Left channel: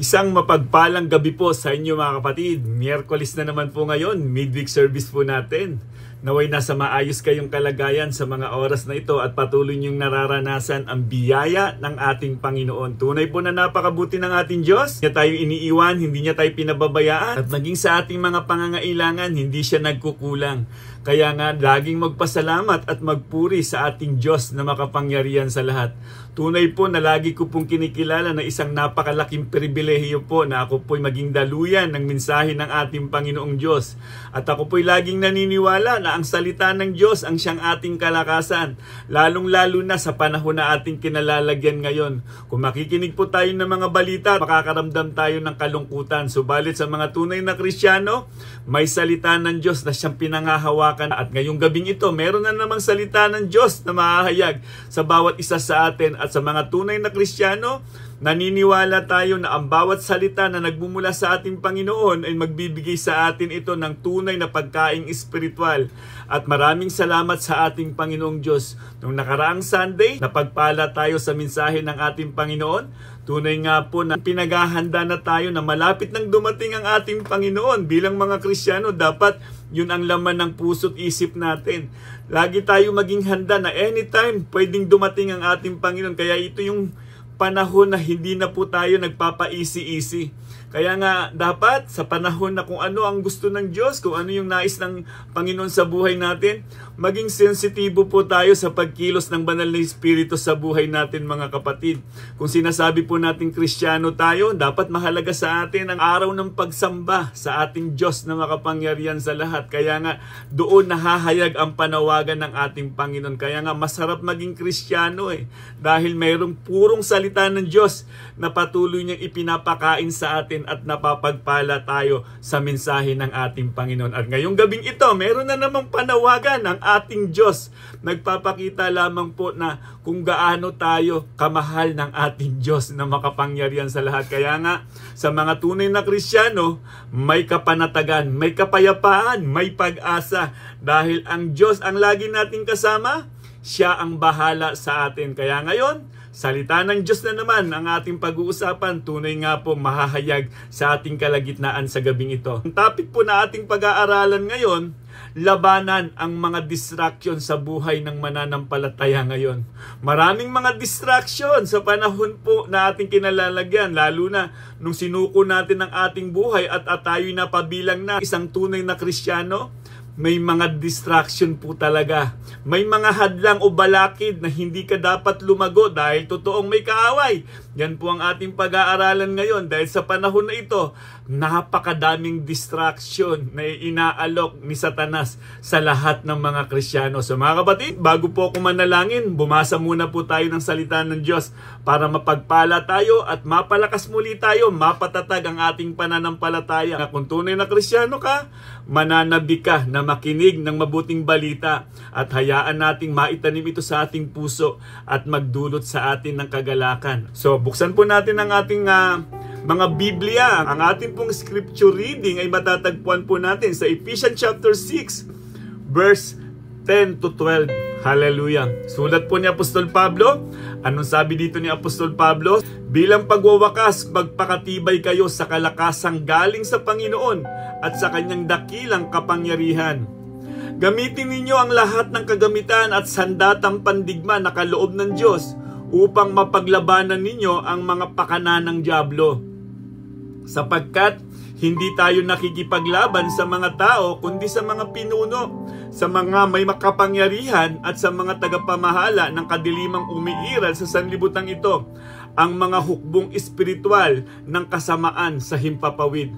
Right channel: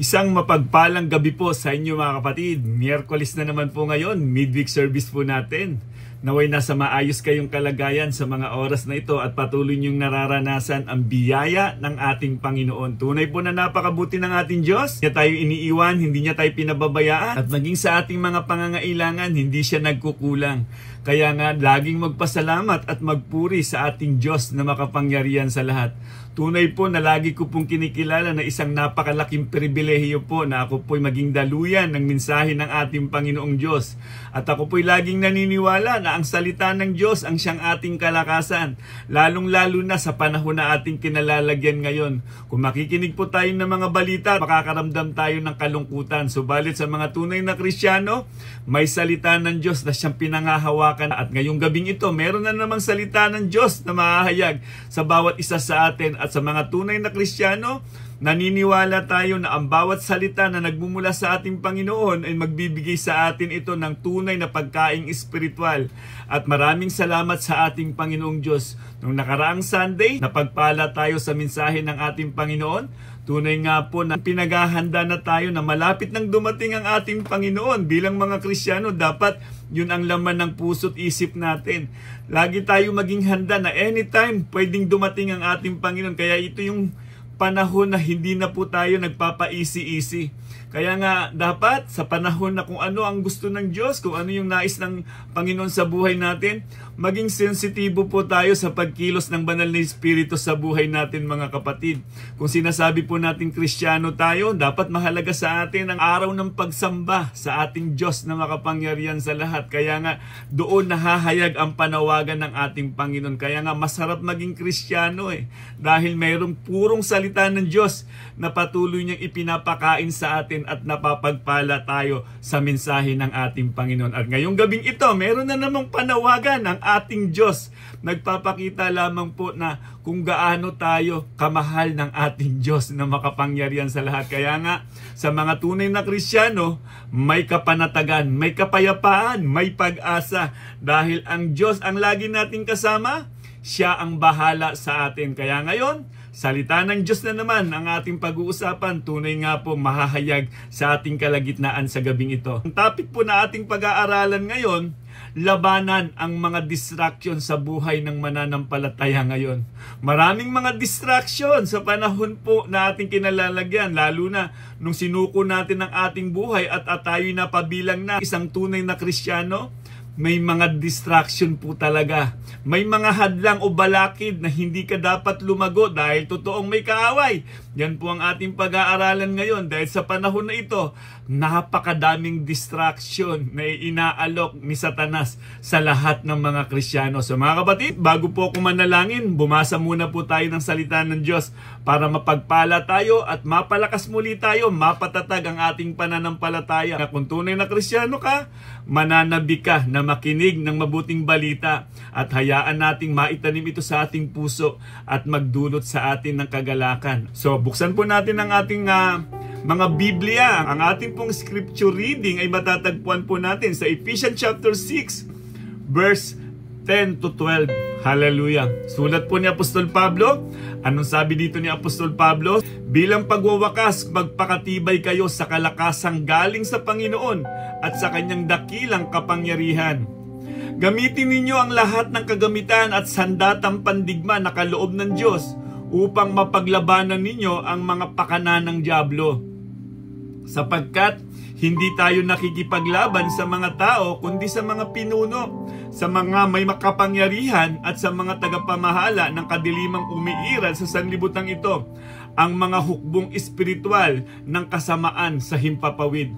Isang mapagpalang gabi po sa inyo mga kapatid. Miyerkules na naman po ngayon, midweek service po natin. Naway nasa maayos kayong kalagayan sa mga oras na ito at patuloy niyong nararanasan ang biyaya ng ating Panginoon. Tunay po na napakabuti ng ating Diyos. Hindi niya tayo iniiwan, hindi niya tayo pinababayaan. At maging sa ating mga pangangailangan, hindi siya nagkukulang. Kaya nga, laging magpasalamat at magpuri sa ating Diyos na makapangyarihan sa lahat. Tunay po na lagi ko pong kinikilala na isang napakalaking pribilehiyo po na ako po'y maging daluyan ng mensahe ng ating Panginoong Diyos. At ako po'y laging naniniwala na ang salita ng Diyos ang siyang ating kalakasan, lalong-lalo na sa panahon na ating kinalalagyan ngayon. Kung makikinig po tayo ng mga balita, makakaramdam tayo ng kalungkutan. Subalit sa mga tunay na Kristiyano, may salita ng Diyos na siyang pinangahawakan. At ngayong gabing ito, meron na namang salita ng Diyos na mahahayag sa bawat isa sa atin. At sa mga tunay na Kristiyano, naniniwala tayo na ang bawat salita na nagmumula sa ating Panginoon ay magbibigay sa atin ito ng tunay na pagkaing espiritual. At maraming salamat sa ating Panginoong Diyos. Noong nakaraang Sunday, napagpala tayo sa mensahe ng ating Panginoon. Tunay nga po na pinaghahanda na tayo na malapit nang dumating ang ating Panginoon. Bilang mga Kristiyano, dapat yun ang laman ng puso't isip natin. Lagi tayo maging handa na anytime pwedeng dumating ang ating Panginoon. Kaya ito yung panahon na hindi na po tayo nagpapa-easy-easy. Kaya nga dapat sa panahon na kung ano ang gusto ng Diyos, kung ano yung nais ng Panginoon sa buhay natin, maging sensitibo po tayo sa pagkilos ng banal na Espiritu sa buhay natin mga kapatid. Kung sinasabi po natin Kristiyano tayo, dapat mahalaga sa atin ang araw ng pagsamba sa ating Diyos na makapangyarihan sa lahat. Kaya nga doon nahahayag ang panawagan ng ating Panginoon. Kaya nga masarap maging Kristiyano dahil mayroong purong salita ng Diyos na patuloy niyang ipinapakain sa atin at napapagpala tayo sa mensahe ng ating Panginoon. At ngayong gabing ito, meron na namang panawagan ng ating Diyos. Nagpapakita lamang po na kung gaano tayo kamahal ng ating Diyos na makapangyarihan sa lahat. Kaya nga, sa mga tunay na Kristiyano, may kapanatagan, may kapayapaan, may pag-asa. Dahil ang Diyos ang lagi nating kasama, siya ang bahala sa atin. Kaya ngayon, salita ng Diyos na naman ang ating pag-uusapan. Tunay nga po mahahayag sa ating kalagitnaan sa gabing ito. Ang topic po na ating pag-aaralan ngayon, labanan ang mga distraction sa buhay ng mananampalataya ngayon. Maraming mga distraction sa panahon po na ating kinalalagyan, lalo na nung sinuko natin ang ating buhay at tayo'y napabilang na isang tunay na Kristiyano. May mga distraction po talaga. May mga hadlang o balakid na hindi ka dapat lumago dahil totoong may kaaway. Yan po ang ating pag-aaralan ngayon dahil sa panahon na ito, napakadaming distraction na inaalok ni Satanas sa lahat ng mga Kristiyano. So mga kapatid, bago po ako manalangin, bumasa muna po tayo ng salita ng Diyos para mapagpala tayo at mapalakas muli tayo, mapatatag ang ating pananampalataya. Kung tunay na Kristiyano ka, mananabi ka na makinig ng mabuting balita at hayaan nating maitanim ito sa ating puso at magdulot sa atin ng kagalakan. So buksan po natin ang ating mga Biblia. Ang ating pong scripture reading ay matatagpuan po natin sa Ephesians chapter 6 verse 10 to 12. Hallelujah. Sulat po ni Apostol Pablo. Anong sabi dito ni Apostol Pablo? Bilang pagwawakas, magpakatibay kayo sa kalakasang galing sa Panginoon at sa kanyang dakilang kapangyarihan. Gamitin ninyo ang lahat ng kagamitan at sandatang pandigma na kaloob ng Diyos upang mapaglabanan ninyo ang mga pakana ng dyablo. Sapagkat hindi tayo nakikipaglaban sa mga tao kundi sa mga pinuno, sa mga may makapangyarihan at sa mga tagapamahala ng kadilimang umiiral sa sanlibutan ito, ang mga hukbong espiritual ng kasamaan sa himpapawid.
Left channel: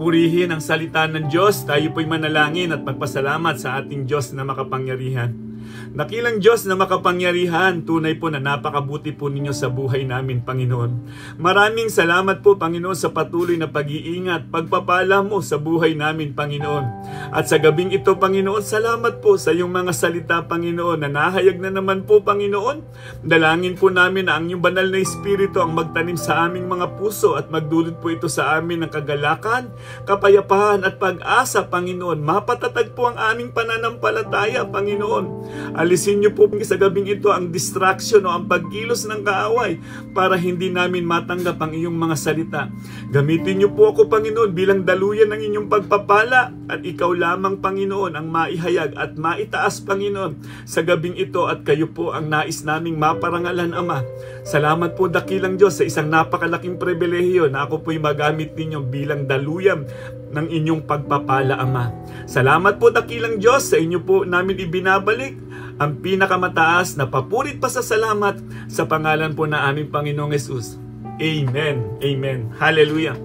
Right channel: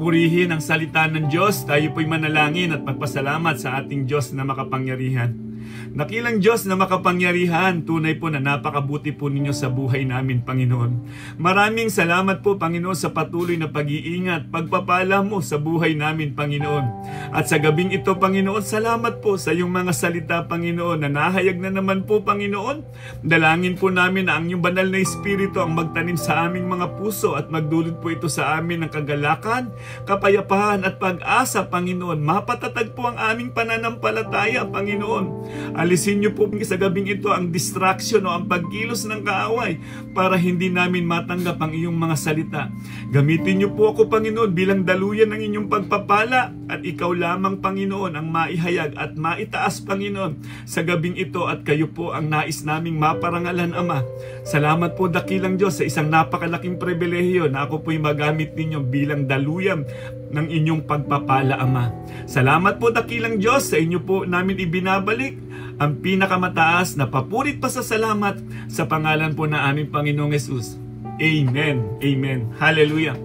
Purihin ang salita ng Diyos. Tayo po'y manalangin at magpasalamat sa ating Diyos na makapangyarihan. Nakilang Diyos na makapangyarihan, tunay po na napakabuti po ninyo sa buhay namin, Panginoon. Maraming salamat po, Panginoon, sa patuloy na pag-iingat, pagpapala mo sa buhay namin, Panginoon. At sa gabing ito, Panginoon, salamat po sa iyong mga salita, Panginoon, na nahayag na naman po, Panginoon. Dalangin po namin na ang iyong banal na Espiritu ang magtanim sa aming mga puso at magdulot po ito sa amin ng kagalakan, kapayapaan at pag-asa, Panginoon. Mapatatag po ang aming pananampalataya, Panginoon. Alisin niyo po sa gabing ito ang distraction o ang pagkilos ng kaaway para hindi namin matanggap ang iyong mga salita. Gamitin niyo po ako, Panginoon, bilang daluyan ng inyong pagpapala at ikaw lamang, Panginoon, ang maihayag at maitaas, Panginoon, sa gabing ito at kayo po ang nais naming maparangalan, Ama. Salamat po, dakilang Diyos, sa isang napakalaking pribilehiyo na ako po'y magamit ninyo bilang daluyan ng inyong pagpapala, Ama. Salamat po, dakilang Diyos, sa inyo po namin ibinabalik ang pinakamataas na papurit pa sa salamat sa pangalan po na aming Panginoong Hesus. Amen. Amen. Hallelujah.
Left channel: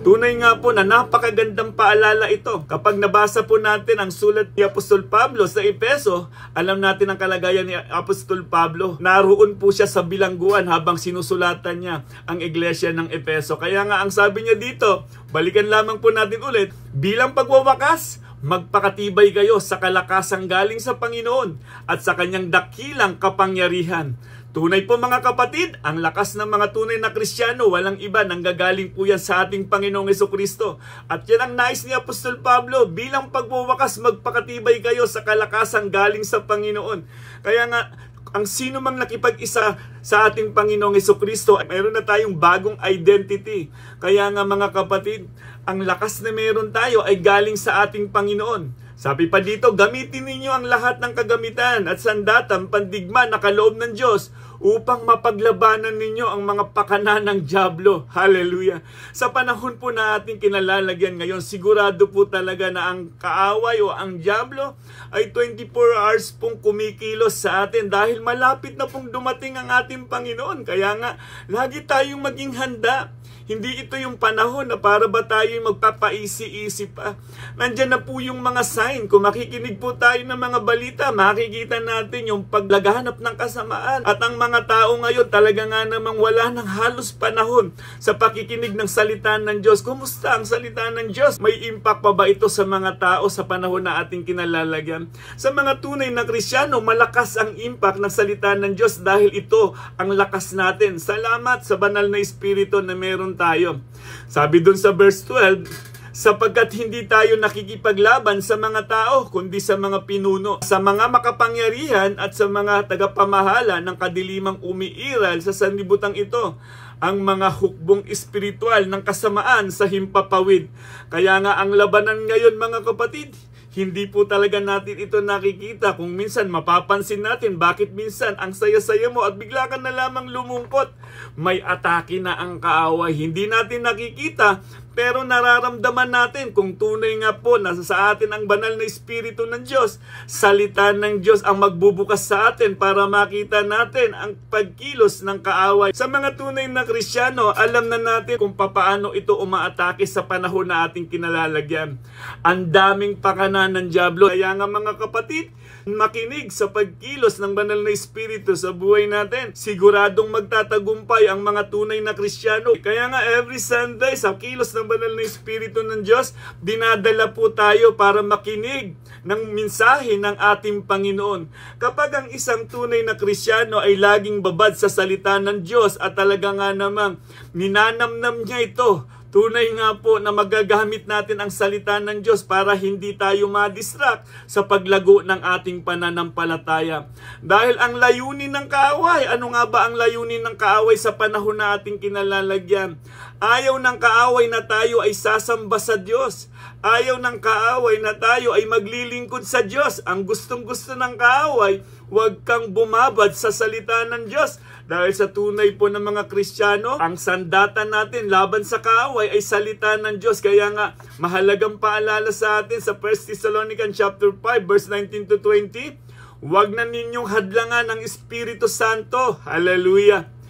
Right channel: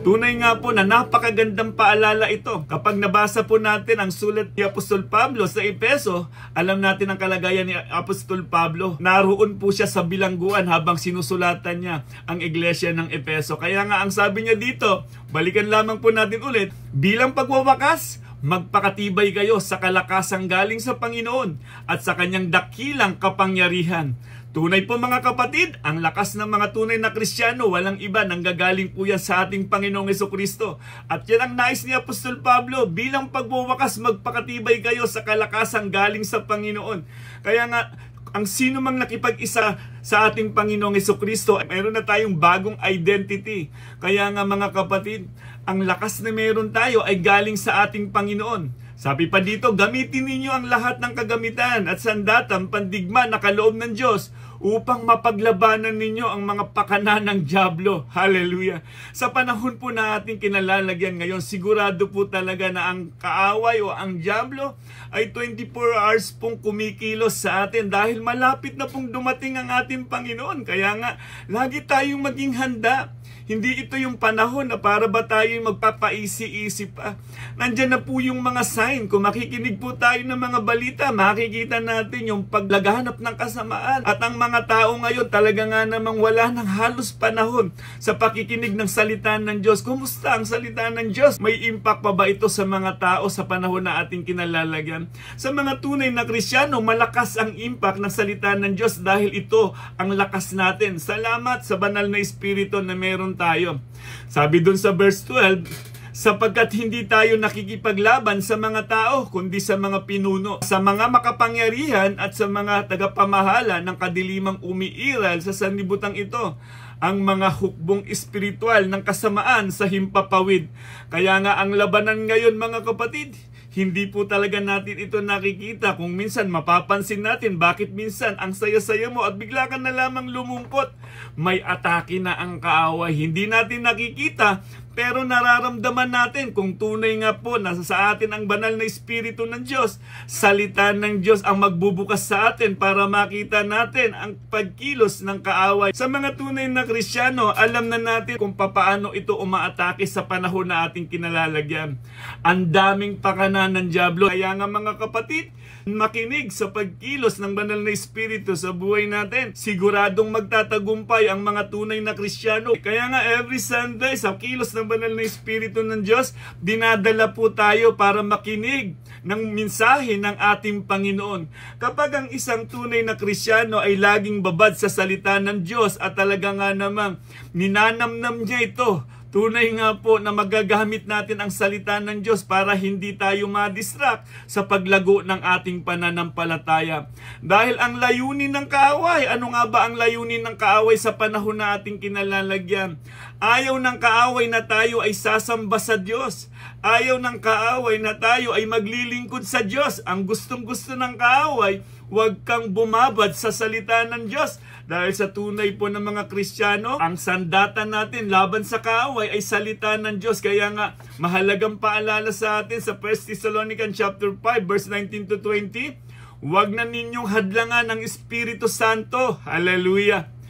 Tunay nga po na napakagandang paalala ito. Kapag nabasa po natin ang sulat ni Apostol Pablo sa Efeso, alam natin ang kalagayan ni Apostol Pablo. Naroon po siya sa bilangguan habang sinusulatan niya ang iglesia ng Efeso. Kaya nga ang sabi niya dito, balikan lamang po natin ulit, bilang pagwawakas, magpakatibay kayo sa kalakasang galing sa Panginoon at sa kanyang dakilang kapangyarihan. Tunay po mga kapatid, ang lakas ng mga tunay na Kristiyano, walang iba, nanggagaling po yan sa ating Panginoong Hesukristo. At yan ang nais ni Apostol Pablo, bilang pagwawakas, magpakatibay kayo sa kalakasang galing sa Panginoon. Kaya nga, ang sino mang nakipag-isa sa ating Panginoong Hesukristo, meron na tayong bagong identity. Kaya nga mga kapatid, ang lakas na meron tayo ay galing sa ating Panginoon. Sabi pa dito, gamitin ninyo ang lahat ng kagamitan at sandatang pandigma na kaloob ng Diyos upang mapaglabanan ninyo ang mga pakana ng dyablo. Hallelujah! Sa panahon po na ating kinalalagyan ngayon, sigurado po talaga na ang kaaway o ang dyablo ay 24 hours pong kumikilos sa atin dahil malapit na pong dumating ang ating Panginoon. Kaya nga, lagi tayong maging handa. Hindi ito yung panahon na para ba tayo magpapaisi-isi pa. Nandyan na po yung mga sign. Kung makikinig po tayo ng mga balita, makikita natin yung paglaghanap ng kasamaan. At ang mga tao ngayon talaga nga namang wala ng halos panahon sa pakikinig ng salita ng Diyos. Kumusta ang salita ng Diyos? May impact pa ba ito sa mga tao sa panahon na ating kinalalagyan? Sa mga tunay na Kristiyano, malakas ang impact ng salita ng Diyos dahil ito ang lakas natin. Salamat sa banal na Espiritu na meron tayo. Sabi dun sa verse 12, sapagkat hindi tayo nakikipaglaban sa mga tao, kundi sa mga pinuno, sa mga makapangyarihan at sa mga tagapamahala ng kadilimang umiiral sa sanlibutan ito, ang mga hukbong espiritual ng kasamaan sa himpapawid. Kaya nga ang labanan ngayon mga kapatid, hindi po talaga natin ito nakikita. Kung minsan mapapansin natin bakit minsan ang saya-saya mo at bigla ka na lamang lumungkot. May atake na ang kaaway. Hindi natin nakikita pero nararamdaman natin kung tunay nga po na sa atin ang banal na Espiritu ng Diyos. Salita ng Diyos ang magbubukas sa atin para makita natin ang pagkilos ng kaaway. Sa mga tunay na Kristiyano, alam na natin kung papaano ito umaatake sa panahon na ating kinalalagyan. Ang daming pakana ng dyablo. Kaya nga mga kapatid, makinig sa pagkilos ng banal na Espiritu sa buhay natin. Siguradong magtatagumpay ang mga tunay na Kristiyano. Kaya nga every Sunday sa kilos ng banal na Espiritu ng Diyos, dinadala po tayo para makinig ng mensahe ng ating Panginoon. Kapag ang isang tunay na Kristiyano ay laging babad sa salita ng Diyos at talaga nga namang ninanamnam niya ito, tunay nga po na magagamit natin ang salita ng Diyos para hindi tayo ma-distract sa paglago ng ating pananampalataya. Dahil ang layunin ng kaaway, ano nga ba ang layunin ng kaaway sa panahon na ating kinalalagyan? Ayaw ng kaaway na tayo ay sasamba sa Diyos. Ayaw ng kaaway na tayo ay maglilingkod sa Diyos. Ang gustong-gusto ng kaaway, huwag kang bumabad sa salita ng Diyos. Dahil sa tunay po ng mga Kristiyano, ang sandata natin laban sa kaaway ay salita ng Diyos. Kaya nga, mahalagang paalala sa atin sa 1 Thessalonians chapter 5, verse 19 to 20, huwag na ninyong hadlangan ang Espiritu Santo. Hallelujah!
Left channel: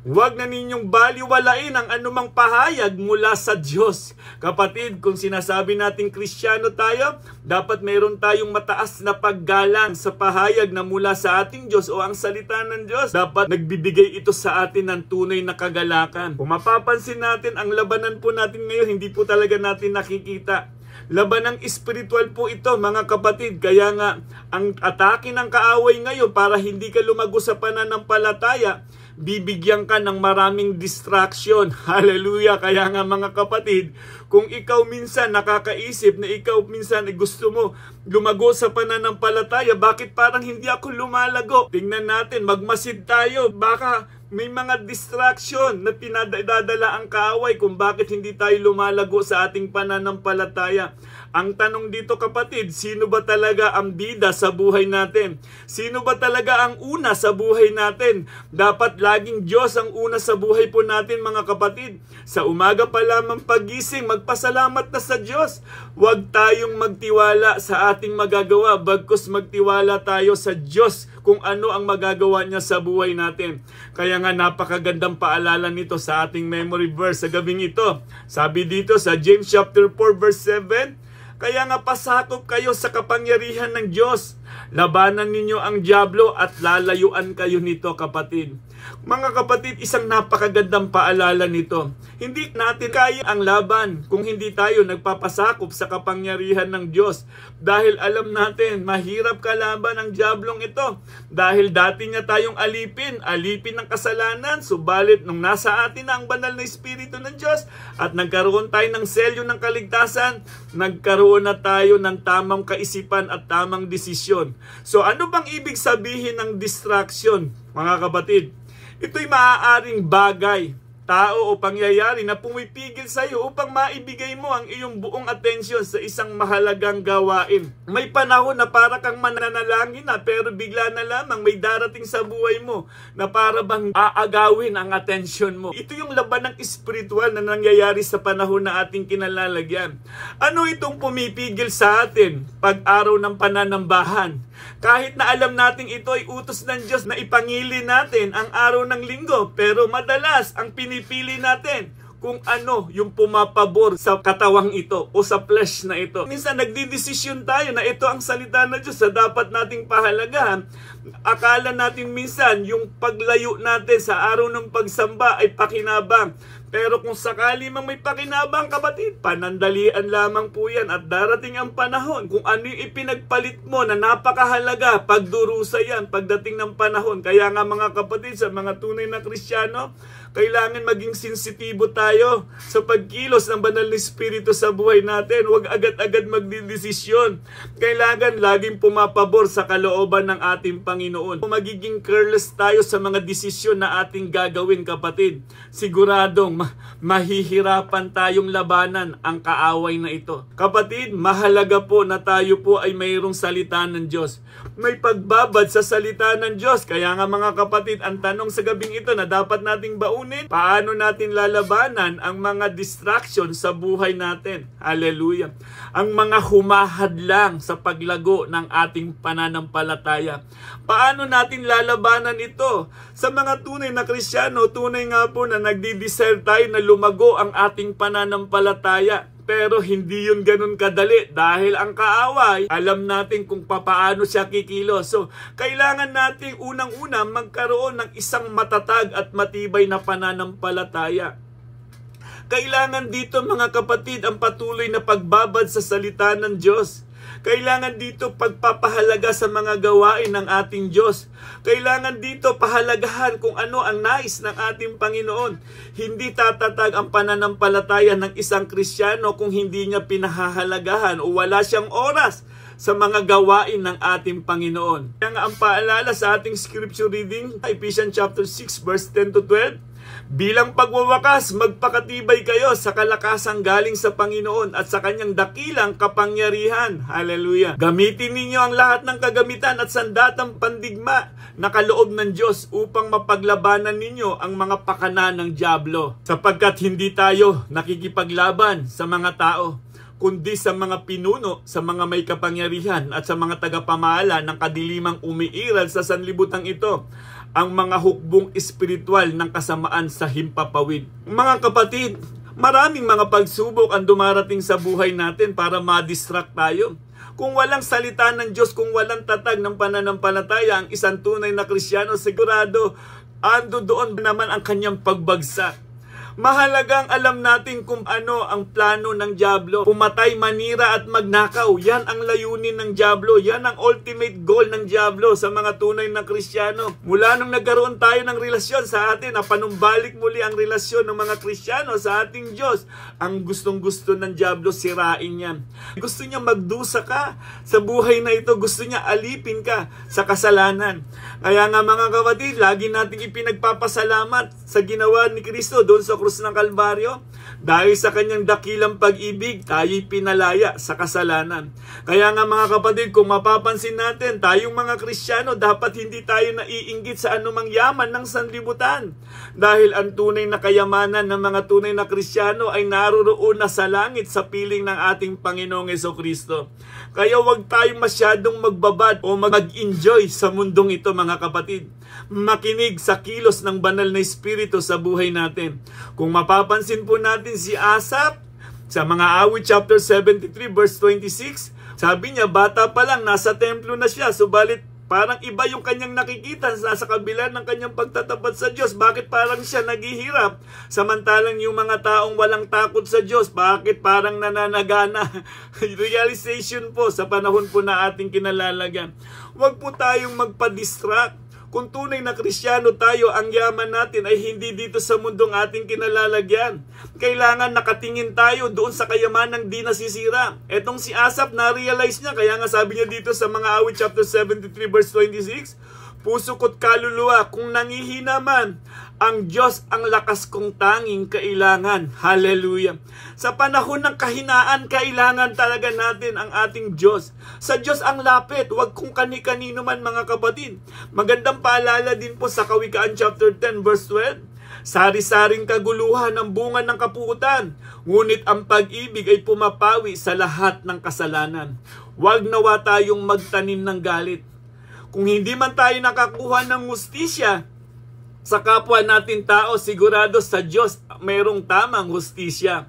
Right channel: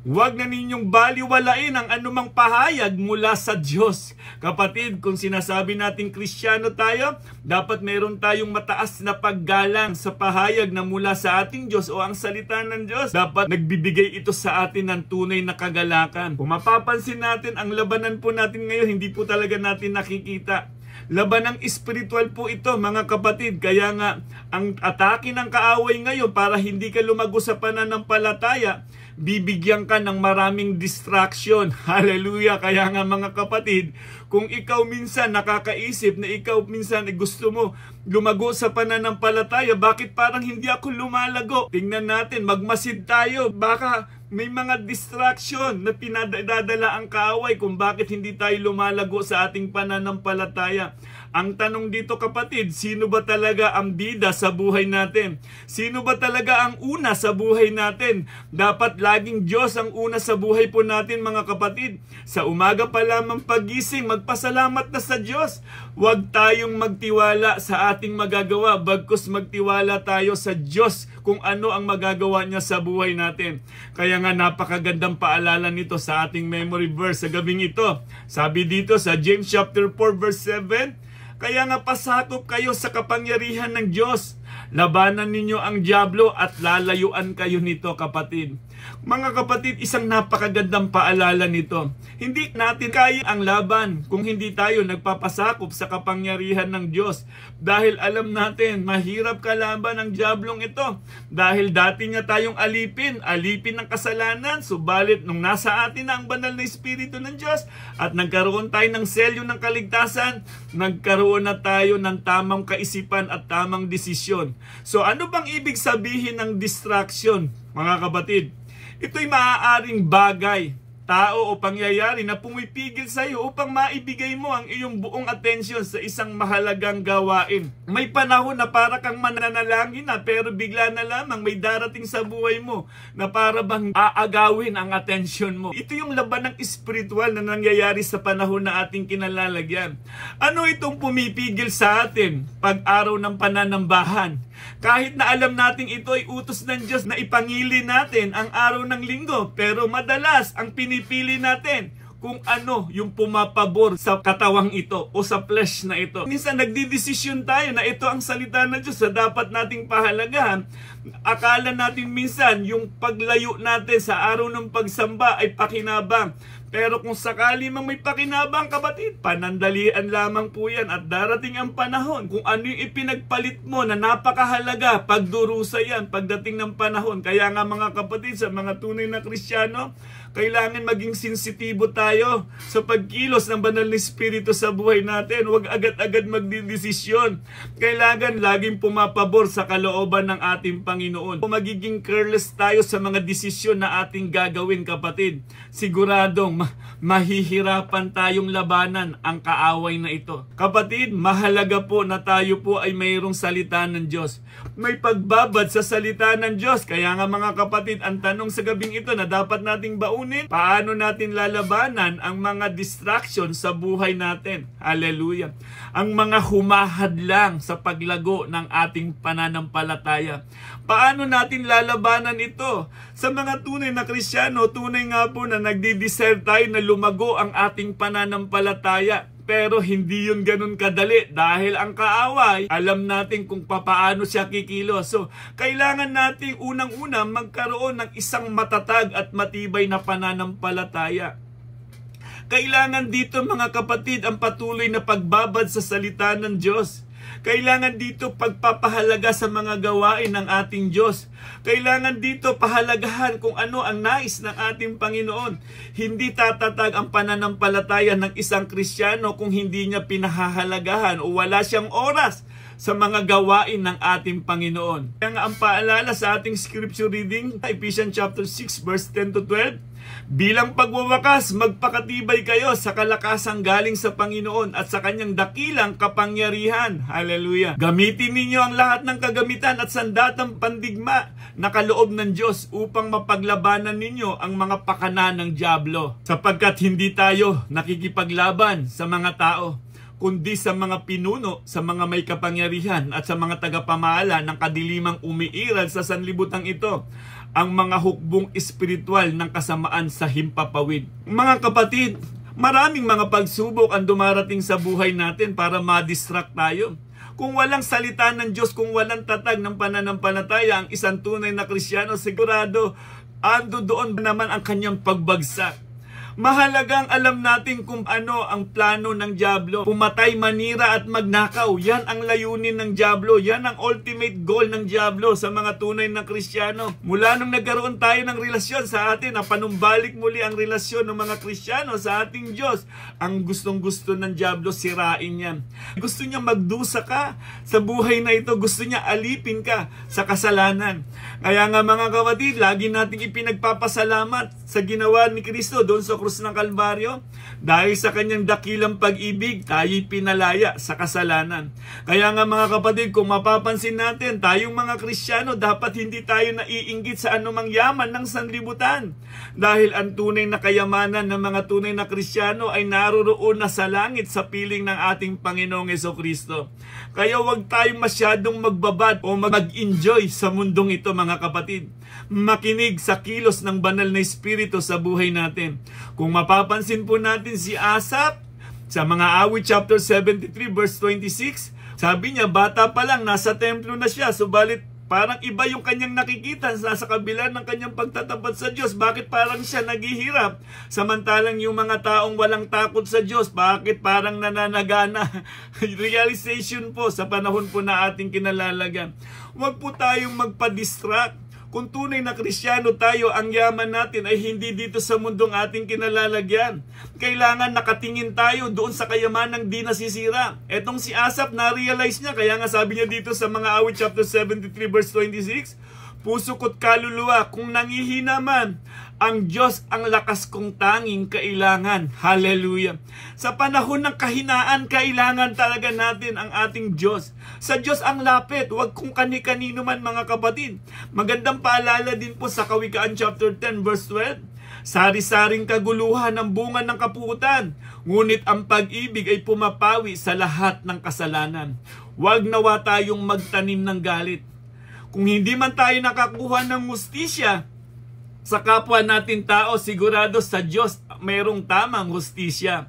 Huwag na ninyong baliwalain ang anumang pahayag mula sa Diyos. Kapatid, kung sinasabi natin Kristiyano tayo, dapat meron tayong mataas na paggalang sa pahayag na mula sa ating Diyos o ang salita ng Diyos. Dapat nagbibigay ito sa atin ng tunay na kagalakan. Kung mapapansin natin, ang labanan po natin ngayon, hindi po talaga natin nakikita. Labanang espiritual po ito mga kapatid. Kaya nga, ang atake ng kaaway ngayon para hindi ka lumago sa pananampalataya, bibigyan ka ng maraming distraction. Hallelujah! Kaya nga mga kapatid, kung ikaw minsan nakakaisip na ikaw minsan gusto mo lumago sa pananampalataya, bakit parang hindi ako lumalago? Tingnan natin, magmasid tayo. Baka may mga distraction na pinadadala ang kaaway kung bakit hindi tayo lumalago sa ating pananampalataya. Ang tanong dito kapatid, sino ba talaga ang bida sa buhay natin? Sino ba talaga ang una sa buhay natin? Dapat laging Diyos ang una sa buhay po natin mga kapatid. Sa umaga pa lamang pagising, magpasalamat na sa Diyos. Huwag tayong magtiwala sa ating magagawa, bagkus magtiwala tayo sa Diyos kung ano ang magagawa niya sa buhay natin. Kaya nga napakagandang paalala nito sa ating memory verse sa gabing ito. Sabi dito sa James chapter 4 verse 7, kaya nga pasakop kayo sa kapangyarihan ng Diyos. Labanan ninyo ang dyablo at lalayuan kayo nito kapatid. Mga kapatid, isang napakagandang paalala nito. Hindi natin kaya ang laban kung hindi tayo nagpapasakop sa kapangyarihan ng Diyos. Dahil alam natin, mahirap kalaban ang diablong ito. Dahil dati nga tayong alipin ng kasalanan. Subalit nung nasa atin na ang banal na Espiritu ng Diyos at nagkaroon tayo ng selyo ng kaligtasan, nagkaroon na tayo ng tamang kaisipan at tamang desisyon. So ano bang ibig sabihin ng distraction, mga kapatid? Ito'y maaaring bagay, tao o pangyayari na pumipigil sa iyo upang maibigay mo ang iyong buong atensyon sa isang mahalagang gawain. May panahon na para kang mananalangin na pero bigla na lamang may darating sa buhay mo na para bang aagawin ang atensyon mo. Ito yung laban ng espiritual na nangyayari sa panahon na ating kinalalagyan. Ano itong pumipigil sa atin pag araw ng pananambahan? Kahit na alam natin ito ay utos ng Diyos na ipangili natin ang araw ng linggo, pero madalas ang pinipili natin kung ano yung pumapabor sa katawang ito o sa flesh na ito. Minsan nagdidesisyon tayo na ito ang salita ng Diyos na dapat nating pahalagahan. Akala natin minsan yung paglayo natin sa araw ng pagsamba ay pakinabang. Pero kung sakali mang may pakinabang kapatid, panandalian lamang po yan at darating ang panahon kung ano yung ipinagpalit mo na napakahalaga, pagdurusa yan pagdating ng panahon. Kaya nga mga kapatid, sa mga tunay na Kristiyano, kailangan maging sensitibo tayo sa pagkilos ng banal na Espiritu sa buhay natin. Huwag agad-agad magdidesisyon. Kailangan laging pumapabor sa kalooban ng ating Panginoon. Kung magiging careless tayo sa mga desisyon na ating gagawin kapatid, siguradong mahihirapan tayong labanan ang kaaway na ito. Kapatid, mahalaga po na tayo po ay mayroong salita ng Diyos. May pagbabad sa salita ng Diyos. Kaya nga mga kapatid, ang tanong sa gabing ito na dapat nating baunin, paano natin lalabanan ang mga distraction sa buhay natin? Hallelujah. Ang mga humahadlang sa paglago ng ating pananampalataya. Paano natin lalabanan ito? Sa mga tunay na Kristiyano, tunay nga po na nagdi-desire tayo na lumago ang ating pananampalataya. Pero hindi yun ganun kadali dahil ang kaaway, alam natin kung paano siya kikilos. So, kailangan natin unang-una magkaroon ng isang matatag at matibay na pananampalataya. Kailangan dito mga kapatid ang patuloy na pagbabad sa salita ng Diyos. Kailangan dito pagpapahalaga sa mga gawain ng ating Diyos. Kailangan dito pahalagahan kung ano ang nais ng ating Panginoon. Hindi tatatag ang pananampalataya ng isang Kristiyano kung hindi niya pinahahalagahan o wala siyang oras sa mga gawain ng ating Panginoon. Kaya nga ang paalala sa ating scripture reading, Ephesians chapter 6 verse 10 to 12, bilang pagwawakas, magpakatibay kayo sa kalakasang galing sa Panginoon at sa kanyang dakilang kapangyarihan. Hallelujah. Gamitin ninyo ang lahat ng kagamitan at sandatang pandigma na kaloob ng Diyos upang mapaglabanan ninyo ang mga pakana ng dyablo. Sapagkat hindi tayo nakikipaglaban sa mga tao, kundi sa mga pinuno, sa mga may kapangyarihan at sa mga tagapamahala ng kadilimang umiiral sa sanlibutan ito, ang mga hukbong espiritual ng kasamaan sa himpapawid. Mga kapatid, maraming mga pagsubok ang dumarating sa buhay natin para ma-distract tayo. Kung walang salita ng Diyos, kung walang tatag ng pananampalataya, ang isang tunay na Kristiyano, sigurado, ando doon naman ang kanyang pagbagsak. Mahalagang alam natin kung ano ang plano ng dyablo. Pumatay, manira at magnakaw. Yan ang layunin ng dyablo. Yan ang ultimate goal ng dyablo sa mga tunay na Kristiyano. Mula nung nagkaroon tayo ng relasyon sa atin, na panumbalik muli ang relasyon ng mga Kristiyano sa ating Diyos, ang gustong-gusto ng dyablo sirain yan. Gusto niya magdusa ka sa buhay na ito. Gusto niya alipin ka sa kasalanan. Kaya nga mga kapatid, lagi nating ipinagpapasalamat sa ginawa ni Kristo doon sa krus ng Kalbaryo. Dahil sa kanyang dakilang pag-ibig, tayo'y pinalaya sa kasalanan. Kaya nga mga kapatid, kung mapapansin natin, tayong mga Kristiyano, dapat hindi tayo naiinggit sa anumang yaman ng sanlibutan. Dahil ang tunay na kayamanan ng mga tunay na Kristiyano ay naroroon na sa langit sa piling ng ating Panginoong Jesucristo. Kaya huwag tayong masyadong magbabad o mag-enjoy sa mundong ito mga kapatid. Makinig sa kilos ng banal na Espiritu sa buhay natin. Kung mapapansin po natin si Asaph sa mga awit chapter 73 verse 26, sabi niya bata pa lang nasa templo na siya, subalit parang iba yung kanyang nakikita sa kabila ng kanyang pagtatapat sa Diyos. Bakit parang siya naghihirap? Samantalang yung mga taong walang takot sa Diyos, bakit parang nananagana? Realization po sa panahon po na ating kinalalagyan. Huwag po tayong magpa-distract. Kung tunay na Kristiyano tayo, ang yaman natin ay hindi dito sa mundong ating kinalalagyan. Kailangan nakatingin tayo doon sa kayamanang di nasisira. Etong si Asaph, na-realize niya. Kaya nga sabi niya dito sa mga awit chapter 73 verse 26, puso ko't kaluluwa, kung nangihina man, ang Diyos ang lakas kong tanging kailangan. Hallelujah. Sa panahon ng kahinaan, kailangan talaga natin ang ating Diyos. Sa Diyos ang lapit, huwag kung kani-kanino man mga kapatid. Magandang paalala din po sa Kawikaan chapter 10 verse 12. Sari-saring kaguluhan ang bunga ng kapuutan, ngunit ang pag-ibig ay pumapawi sa lahat ng kasalanan. Huwag nawa tayong magtanim ng galit. Kung hindi man tayo nakakuha ng hustisya sa kapwa natin tao, sigurado sa Diyos mayroong tamang hustisya.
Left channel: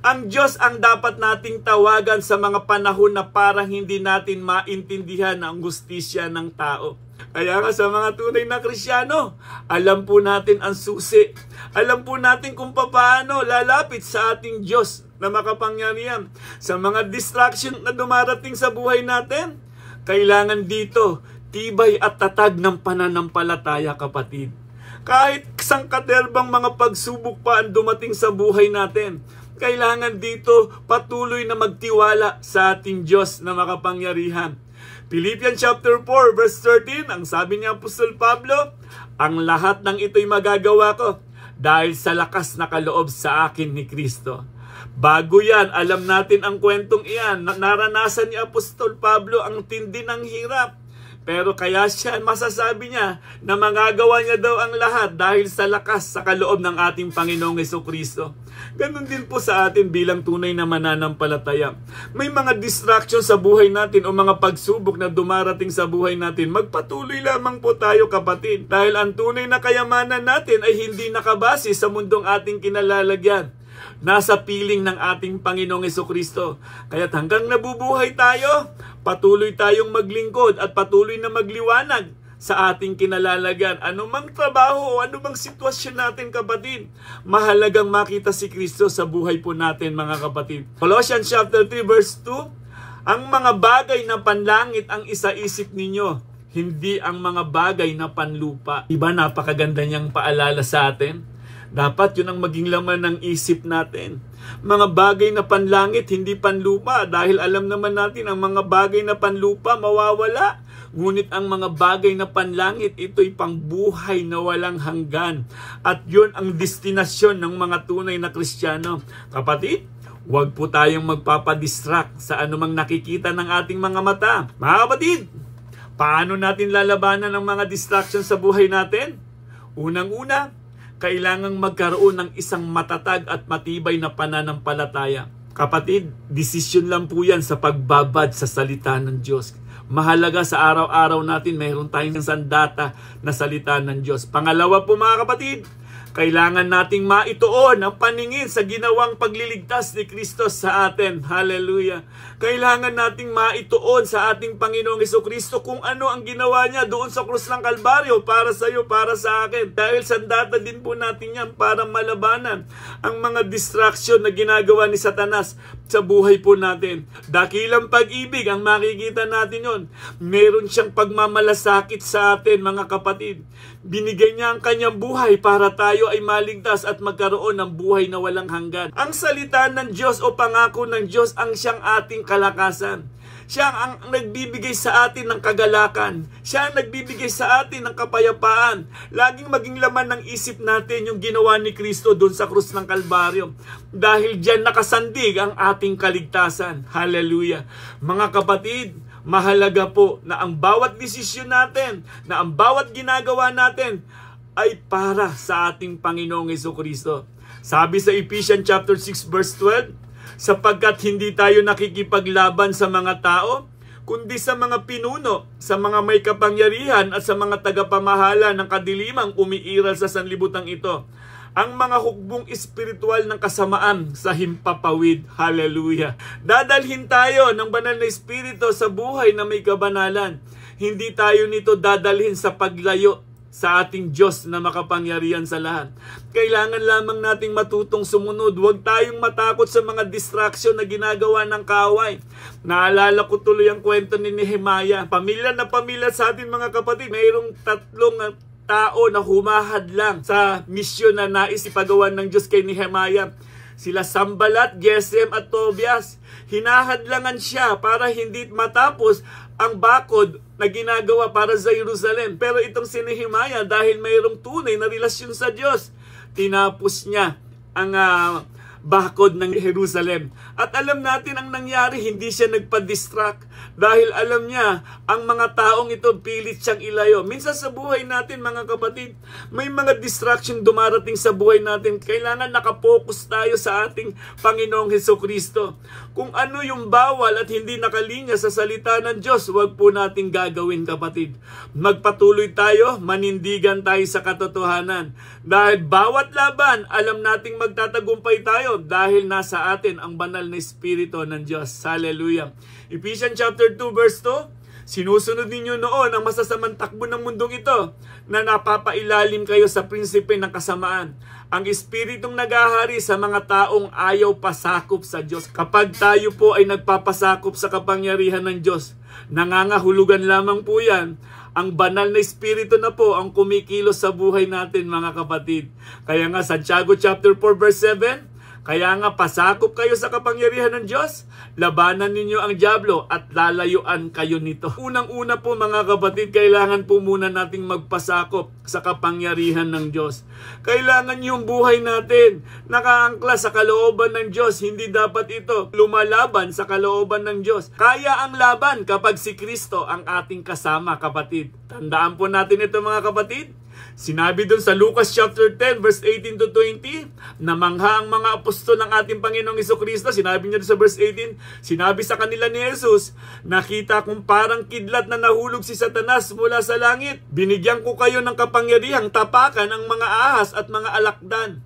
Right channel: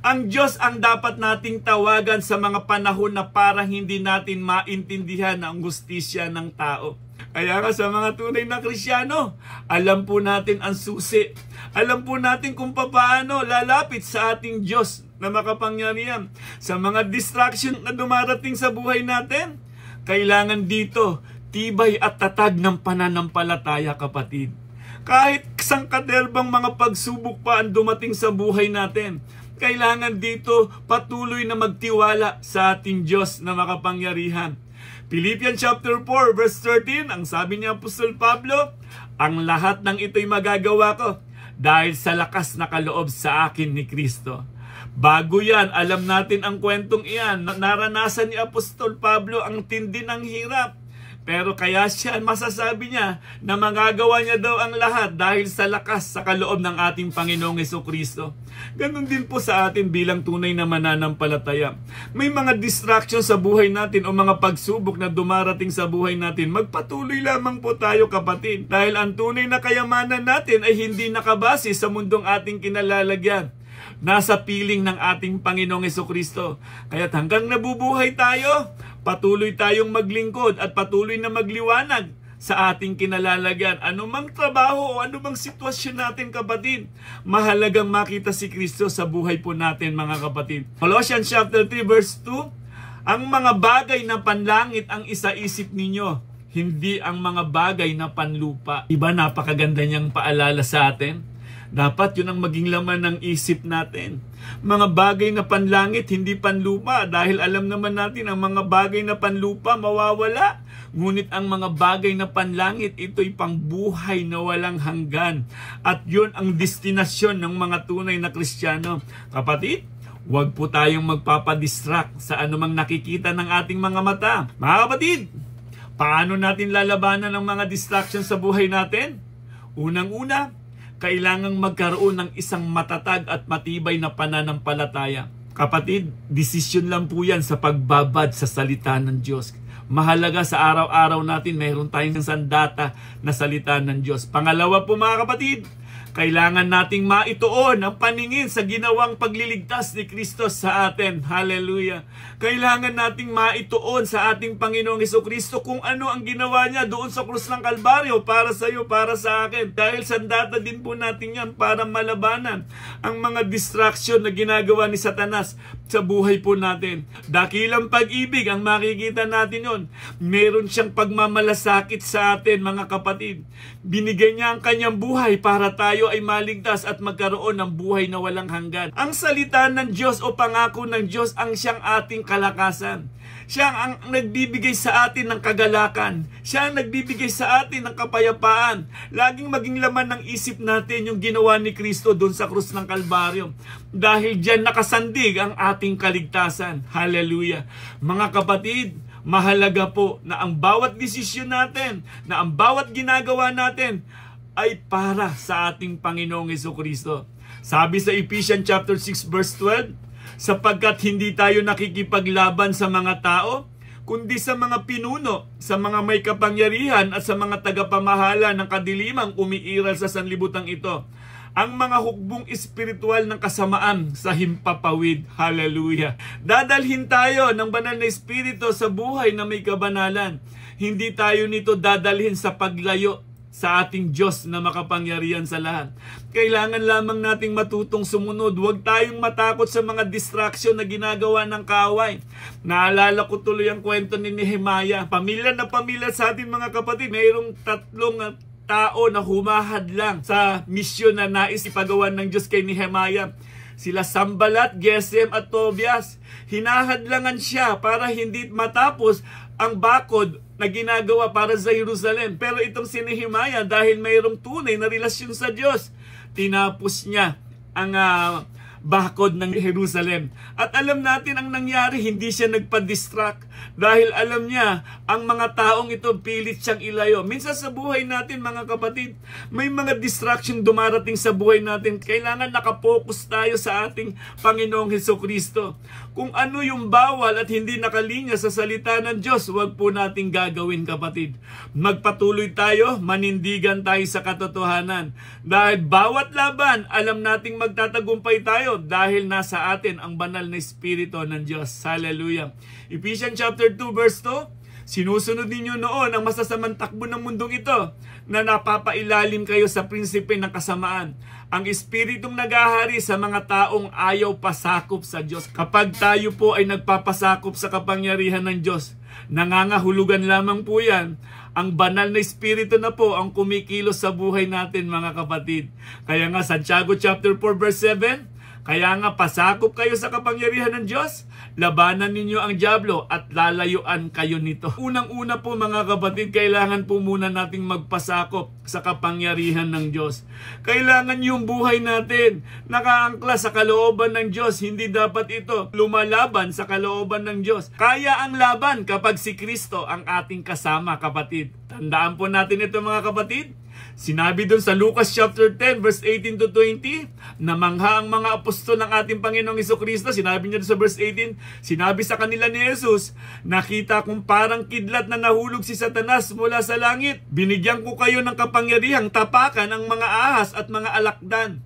Ang Diyos ang dapat nating tawagan sa mga panahon na parang hindi natin maintindihan ang hustisya ng tao. Kaya nga sa mga tunay na Kristiyano, alam po natin ang susi. Alam po natin kung paano lalapit sa ating Diyos na makapangyarihan. Sa mga distraction na dumarating sa buhay natin, kailangan dito tibay at tatag ng pananampalataya, kapatid. Kahit sangkaderbang mga pagsubok pa ang dumating sa buhay natin, kailangan dito patuloy na magtiwala sa ating Diyos na makapangyarihan. Philippians chapter 4 verse 13, ang sabi ni Apostol Pablo, ang lahat ng ito'y magagawa ko dahil sa lakas na kaloob sa akin ni Kristo. Bago yan, alam natin ang kwentong iyan. Naranasan ni Apostol Pablo ang tindi ng hirap. Pero kaya siya, masasabi niya na magagawa niya daw ang lahat dahil sa lakas sa kaloob ng ating Panginoong Jesucristo. Ganun din po sa atin bilang tunay na mananampalataya. May mga distraction sa buhay natin o mga pagsubok na dumarating sa buhay natin. Magpatuloy lamang po tayo, kapatid. Dahil ang tunay na kayamanan natin ay hindi nakabase sa mundong ating kinalalagyan. Nasa piling ng ating Panginoong Jesucristo. Kaya't hanggang nabubuhay tayo, patuloy tayong maglingkod at patuloy na magliwanag sa ating kinalalagyan. Anumang trabaho o anumang sitwasyon natin, kapatid, mahalagang makita si Kristo sa buhay po natin, mga kapatid. Colossians chapter 3 verse 2, ang mga bagay na panlangit ang isaisip ninyo, hindi ang mga bagay na panlupa. Diba napakaganda niyang paalala sa atin? Dapat yun ang maging laman ng isip natin. Mga bagay na panlangit, hindi panlupa. Dahil alam naman natin ang mga bagay na panlupa mawawala. Ngunit ang mga bagay na panlangit, ito'y pangbuhay na walang hanggan. At yun ang destinasyon ng mga tunay na Kristiyano. Kapatid, huwag po tayong magpapadistract sa anumang nakikita ng ating mga mata. Mga kapatid, paano natin lalabanan ang mga distraction sa buhay natin? Unang-una, kailangang magkaroon ng isang matatag at matibay na pananampalataya. Kapatid, desisyon lang po yan sa pagbabad sa salita ng Diyos. Mahalaga sa araw-araw natin, mayroon tayong sandata na salita ng Diyos. Pangalawa po mga kapatid, Kailangan nating maituon ang paningin sa ginawang pagliligtas ni Kristo sa atin. Hallelujah. Kailangan nating maituon sa ating Panginoong Hesukristo kung ano ang ginawa niya doon sa krus ng Kalbaryo para sa iyo, para sa akin. Dahil sandata din po natin yan para malabanan ang mga distraction na ginagawa ni Satanas sa buhay po natin. Dakilang pag-ibig ang makikita natin yon. Meron siyang pagmamalasakit sa atin, mga kapatid. Binigay niya ang kanyang buhay para tayo ay maligtas at magkaroon ng buhay na walang hanggan. Ang salita ng Diyos o pangako ng Diyos ang siyang ating kalakasan. Siya ang nagbibigay sa atin ng kagalakan. Siya ang nagbibigay sa atin ng kapayapaan. Laging maging laman ng isip natin yung ginawa ni Kristo doon sa krus ng Kalbaryo. Dahil diyan nakasandig ang ating kaligtasan. Hallelujah. Mga kapatid, mahalaga po na ang bawat desisyon natin, na ang bawat ginagawa natin ay para sa ating Panginoong Hesukristo. Sabi sa Ephesians chapter 6 verse 12, sapagkat hindi tayo nakikipaglaban sa mga tao, kundi sa mga pinuno, sa mga may kapangyarihan at sa mga tagapamahala ng kadilimang umiiral sa sanlibutan ito, ang mga hukbong espiritual ng kasamaan sa himpapawid. Hallelujah. Dadalhin tayo ng banal na espiritu sa buhay na may kabanalan. Hindi tayo nito dadalhin sa paglayo sa ating Diyos na makapangyarihan sa lahat. Kailangan lamang nating matutong sumunod. Huwag tayong matakot sa mga distraction na ginagawa ng kaaway. Naalala ko tuloy ang kwento ni Nehemiah. Pamilya na pamilya sa atin, mga kapatid. Mayroong 3 tao na humahad lang sa misyon na nais ipagawa ng Diyos kay Nehemiah. Sila Sanballat, Gesem at Tobias. Hinahadlangan siya para hindi matapos ang bakod na ginagawa para sa Jerusalem. Pero itong si Nehemiah, dahil mayroong tunay na relasyon sa Diyos, tinapos niya ang bakod ng Jerusalem. At alam natin ang nangyari, hindi siya nagpa-distract. Dahil alam niya, ang mga taong ito pilit siyang ilayo. Minsan sa buhay natin, mga kapatid, may mga distraction dumarating sa buhay natin. Kailangan nakapokus tayo sa ating Panginoong Hesukristo. Kung ano yung bawal at hindi nakalinya sa salita ng Diyos, huwag po nating gagawin, kapatid. Magpatuloy tayo, manindigan tayo sa katotohanan. Dahil bawat laban, alam nating magtatagumpay tayo dahil nasa atin ang banal na Espiritu ng Diyos. Hallelujah. Ephesians chapter 2 verse 2, sinusunod ninyo noon ang masasamang takbo ng mundong ito na napapailalim kayo sa prinsipe ng kasamaan. Ang espiritong naghahari sa mga taong ayaw pasakop sa Diyos. Kapag tayo po ay nagpapasakop sa kapangyarihan ng Diyos, nangangahulugan lamang po yan. Ang banal na espiritu na po ang kumikilos sa buhay natin, mga kapatid. Kaya nga Santiago chapter 4 verse 7, kaya nga pasakop kayo sa kapangyarihan ng Diyos, labanan ninyo ang dyablo at lalayuan kayo nito. Unang-una po, mga kapatid, kailangan po muna nating magpasakop sa kapangyarihan ng Diyos. Kailangan yung buhay natin nakaangkla sa kalooban ng Diyos. Hindi dapat ito lumalaban sa kalooban ng Diyos. Kaya ang laban kapag si Kristo ang ating kasama, kapatid. Tandaan po natin ito, mga kapatid. Sinabi doon sa Lucas chapter 10 verse 18 to 20, namangha ang mga apostol ng ating Panginoong Hesukristo. Sinabi niya doon sa verse 18, sinabi sa kanila ni Jesus, nakita kong parang kidlat na nahulog si Satanas mula sa langit. Binigyan ko kayo ng kapangyarihang tapakan ang mga ahas at mga alakdan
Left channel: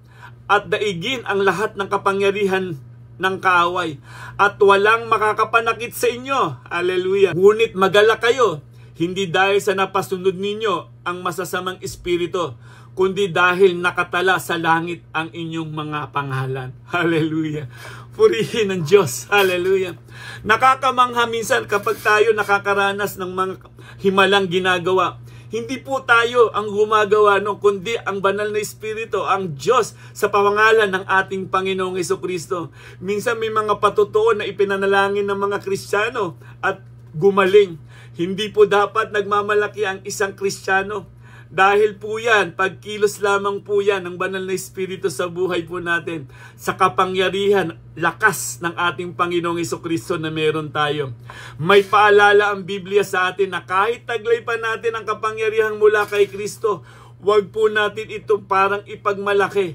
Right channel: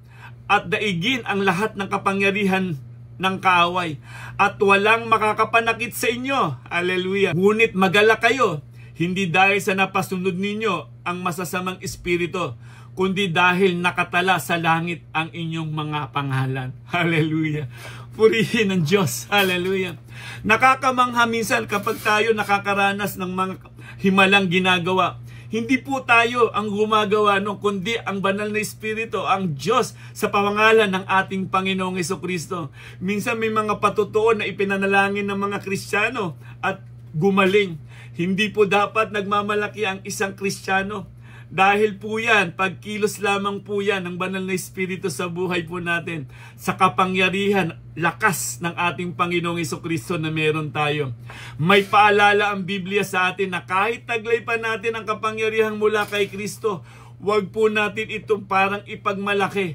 at daigin ang lahat ng kapangyarihan ng kaaway at walang makakapanakit sa inyo. Hallelujah. Ngunit magala kayo, hindi dahil sa napasunod ninyo ang masasamang espiritu, kundi dahil nakatala sa langit ang inyong mga pangalan. Hallelujah. Purihin ang Diyos. Hallelujah. Nakakamangha minsan kapag tayo nakakaranas ng mga himalang ginagawa. Hindi po tayo ang gumagawa, no, kundi ang banal na espiritu, ang Diyos sa pangalan ng ating Panginoong Hesukristo. Minsan may mga patutuon na ipinanalangin ng mga Kristiyano at gumaling. Hindi po dapat nagmamalaki ang isang Kristiyano. Dahil po yan, pagkilos lamang po yan ng banal na espiritu sa buhay po natin. Sa kapangyarihan, lakas ng ating Panginoong Hesukristo na meron tayo. May paalala ang Biblia sa atin na kahit taglay pa natin ang kapangyarihan mula kay Kristo, huwag po natin ito parang ipagmalaki.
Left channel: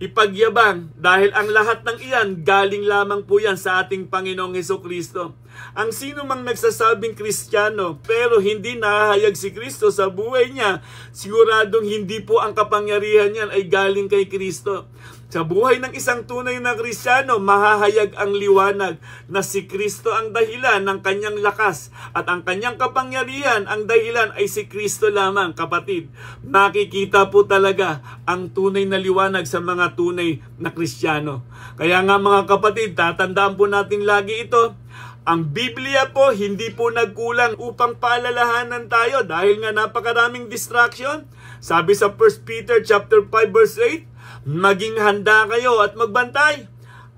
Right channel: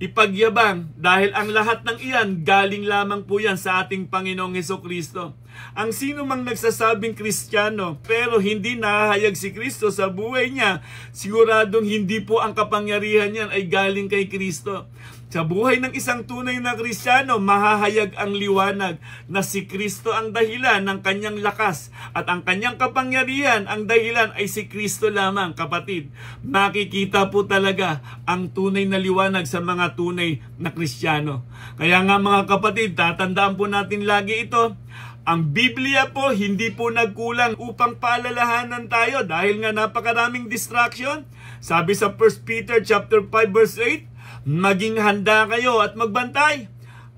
ipagyabang dahil ang lahat ng iyan galing lamang po yan sa ating Panginoong Hesukristo. Ang sino mang nagsasabing Kristiyano pero hindi nahahayag si Kristo sa buhay niya, siguradong hindi po ang kapangyarihan niyan ay galing kay Kristo. Sa buhay ng isang tunay na Kristiyano, mahahayag ang liwanag na si Kristo ang dahilan ng kanyang lakas at ang kanyang kapangyarihan, ang dahilan ay si Kristo lamang, kapatid. Makikita po talaga ang tunay na liwanag sa mga tunay na Kristiyano. Kaya nga mga kapatid, tatandaan po natin lagi ito. Ang Biblia po hindi po nagkulang upang paalalahanan tayo dahil nga napakaraming distraction. Sabi sa 1 Peter chapter 5 verse 8, maging handa kayo at magbantay.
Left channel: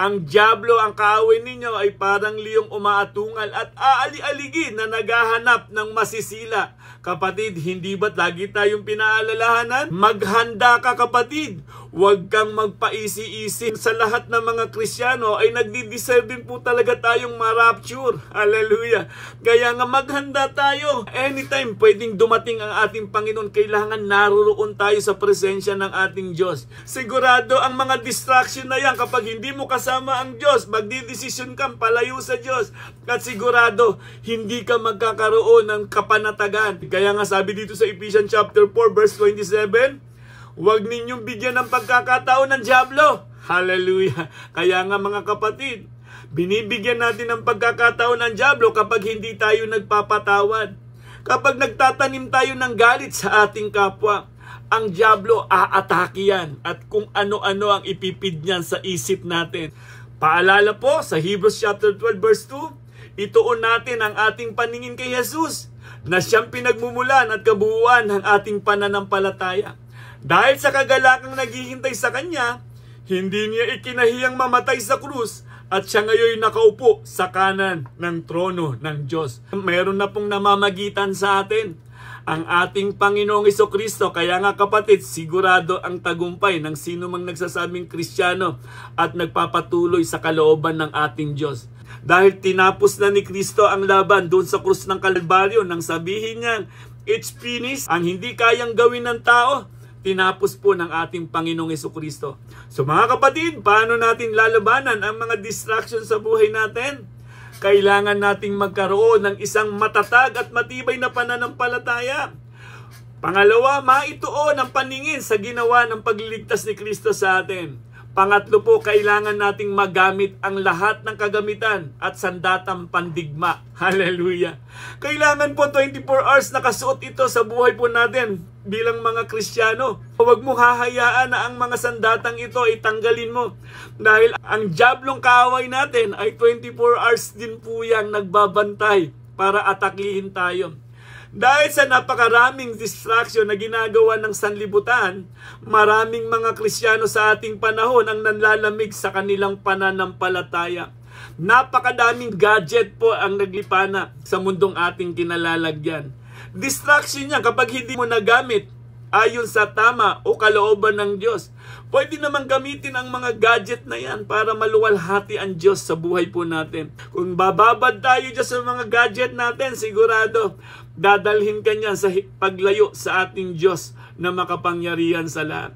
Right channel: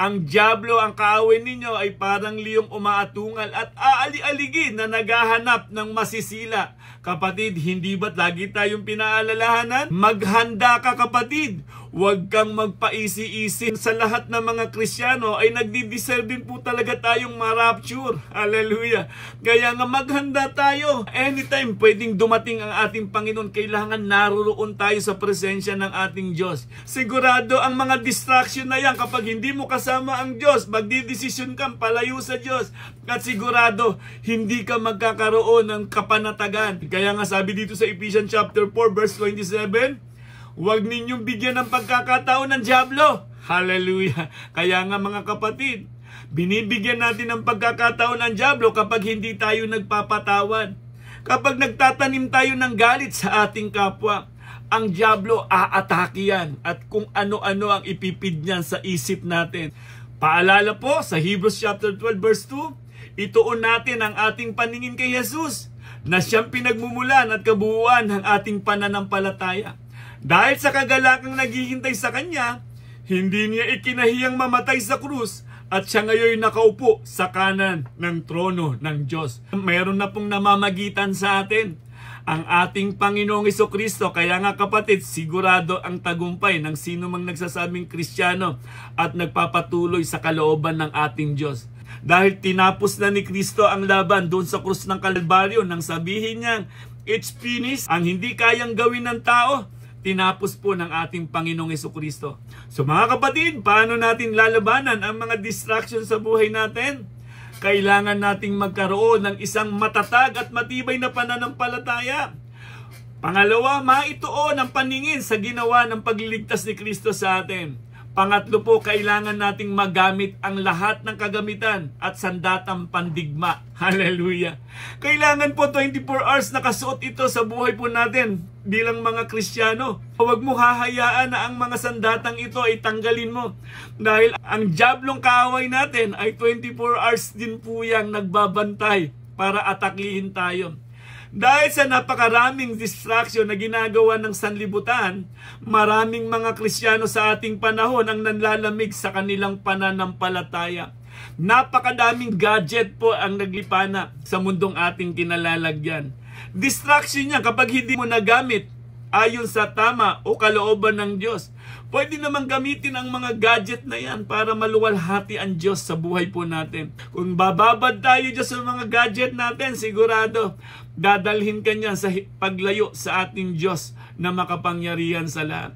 Ang diablo, ang kaaway ninyo ay parang liyong umaatungal at aali-aligin na naghahanap ng masisila. Kapatid, hindi ba't lagi tayong pinaalalahanan? Maghanda ka kapatid. Huwag kang magpaisi-isi. Sa lahat ng mga Kristiyano ay nagdi-deserve din po talaga tayong ma-rapture. Hallelujah. Kaya nga maghanda tayo. Anytime pwedeng dumating ang ating Panginoon, kailangan naroon tayo sa presensya ng ating Diyos. Sigurado ang mga distraction na yan, kapag hindi mo kasama ang Diyos, magdidesisyon kang palayo sa Diyos. At sigurado, hindi ka magkakaroon ng kapanatagan. Kaya nga sabi dito sa Ephesians chapter 4 verse 27, huwag ninyong bigyan ng pagkakataon ng diablo. Hallelujah. Kaya nga mga kapatid, binibigyan natin ng pagkakataon ng diablo kapag hindi tayo nagpapatawad. Kapag nagtatanim tayo ng galit sa ating kapwa, ang diablo aatake yan at kung ano-ano ang ipipid niyan sa isip natin. Paalala po sa Hebrews chapter 12 verse 2, ituon natin ang ating paningin kay Jesus na siyang pinagmumulan at kabuuan ng ating pananampalataya. Dahil sa kagalakang naghihintay sa kanya, hindi niya ikinahiyang mamatay sa krus at siya ngayon nakaupo sa kanan ng trono ng Diyos. Meron na pong namamagitan sa atin, ang ating Panginoong Hesukristo. Kaya nga kapatid, sigurado ang tagumpay ng sino mang nagsasabing Kristiyano at nagpapatuloy sa kalooban ng ating Diyos. Dahil tinapos na ni Kristo ang laban doon sa krus ng Kalbaryo nang sabihin niyang, it's finished. Ang hindi kayang gawin ng tao, tinapos po ng ating Panginoong Hesukristo. So mga kapatid, paano natin lalabanan ang mga distractions sa buhay natin? Kailangan nating magkaroon ng isang matatag at matibay na pananampalataya. Pangalawa, maituon ang paningin sa ginawa ng pagliligtas ni Kristo sa atin. Pangatlo po, kailangan nating magamit ang lahat ng kagamitan at sandatang pandigma. Hallelujah! Kailangan po 24 hours nakasuot ito sa buhay po natin bilang mga Kristiyano. Huwag mo hahayaan na ang mga sandatang ito ay tanggalin mo. Dahil ang diablong kaaway natin ay 24 hours din po yang nagbabantay para atakihin tayo. Dahil sa napakaraming distraction na ginagawa ng sanlibutan, maraming mga Kristiyano sa ating panahon ang nanlalamig sa kanilang pananampalataya. Napakadaming gadget po ang naglipana sa mundong ating kinalalagyan. Distraction niya kapag hindi mo nagamit ayon sa tama o kalooban ng Diyos. Pwede naman gamitin ang mga gadget na yan para maluwalhati ang Diyos sa buhay po natin. Kung bababad tayo Diyos sa mga gadget natin, sigurado dadalhin ka niya sa paglayo sa ating Diyos na makapangyarihan sa lahat.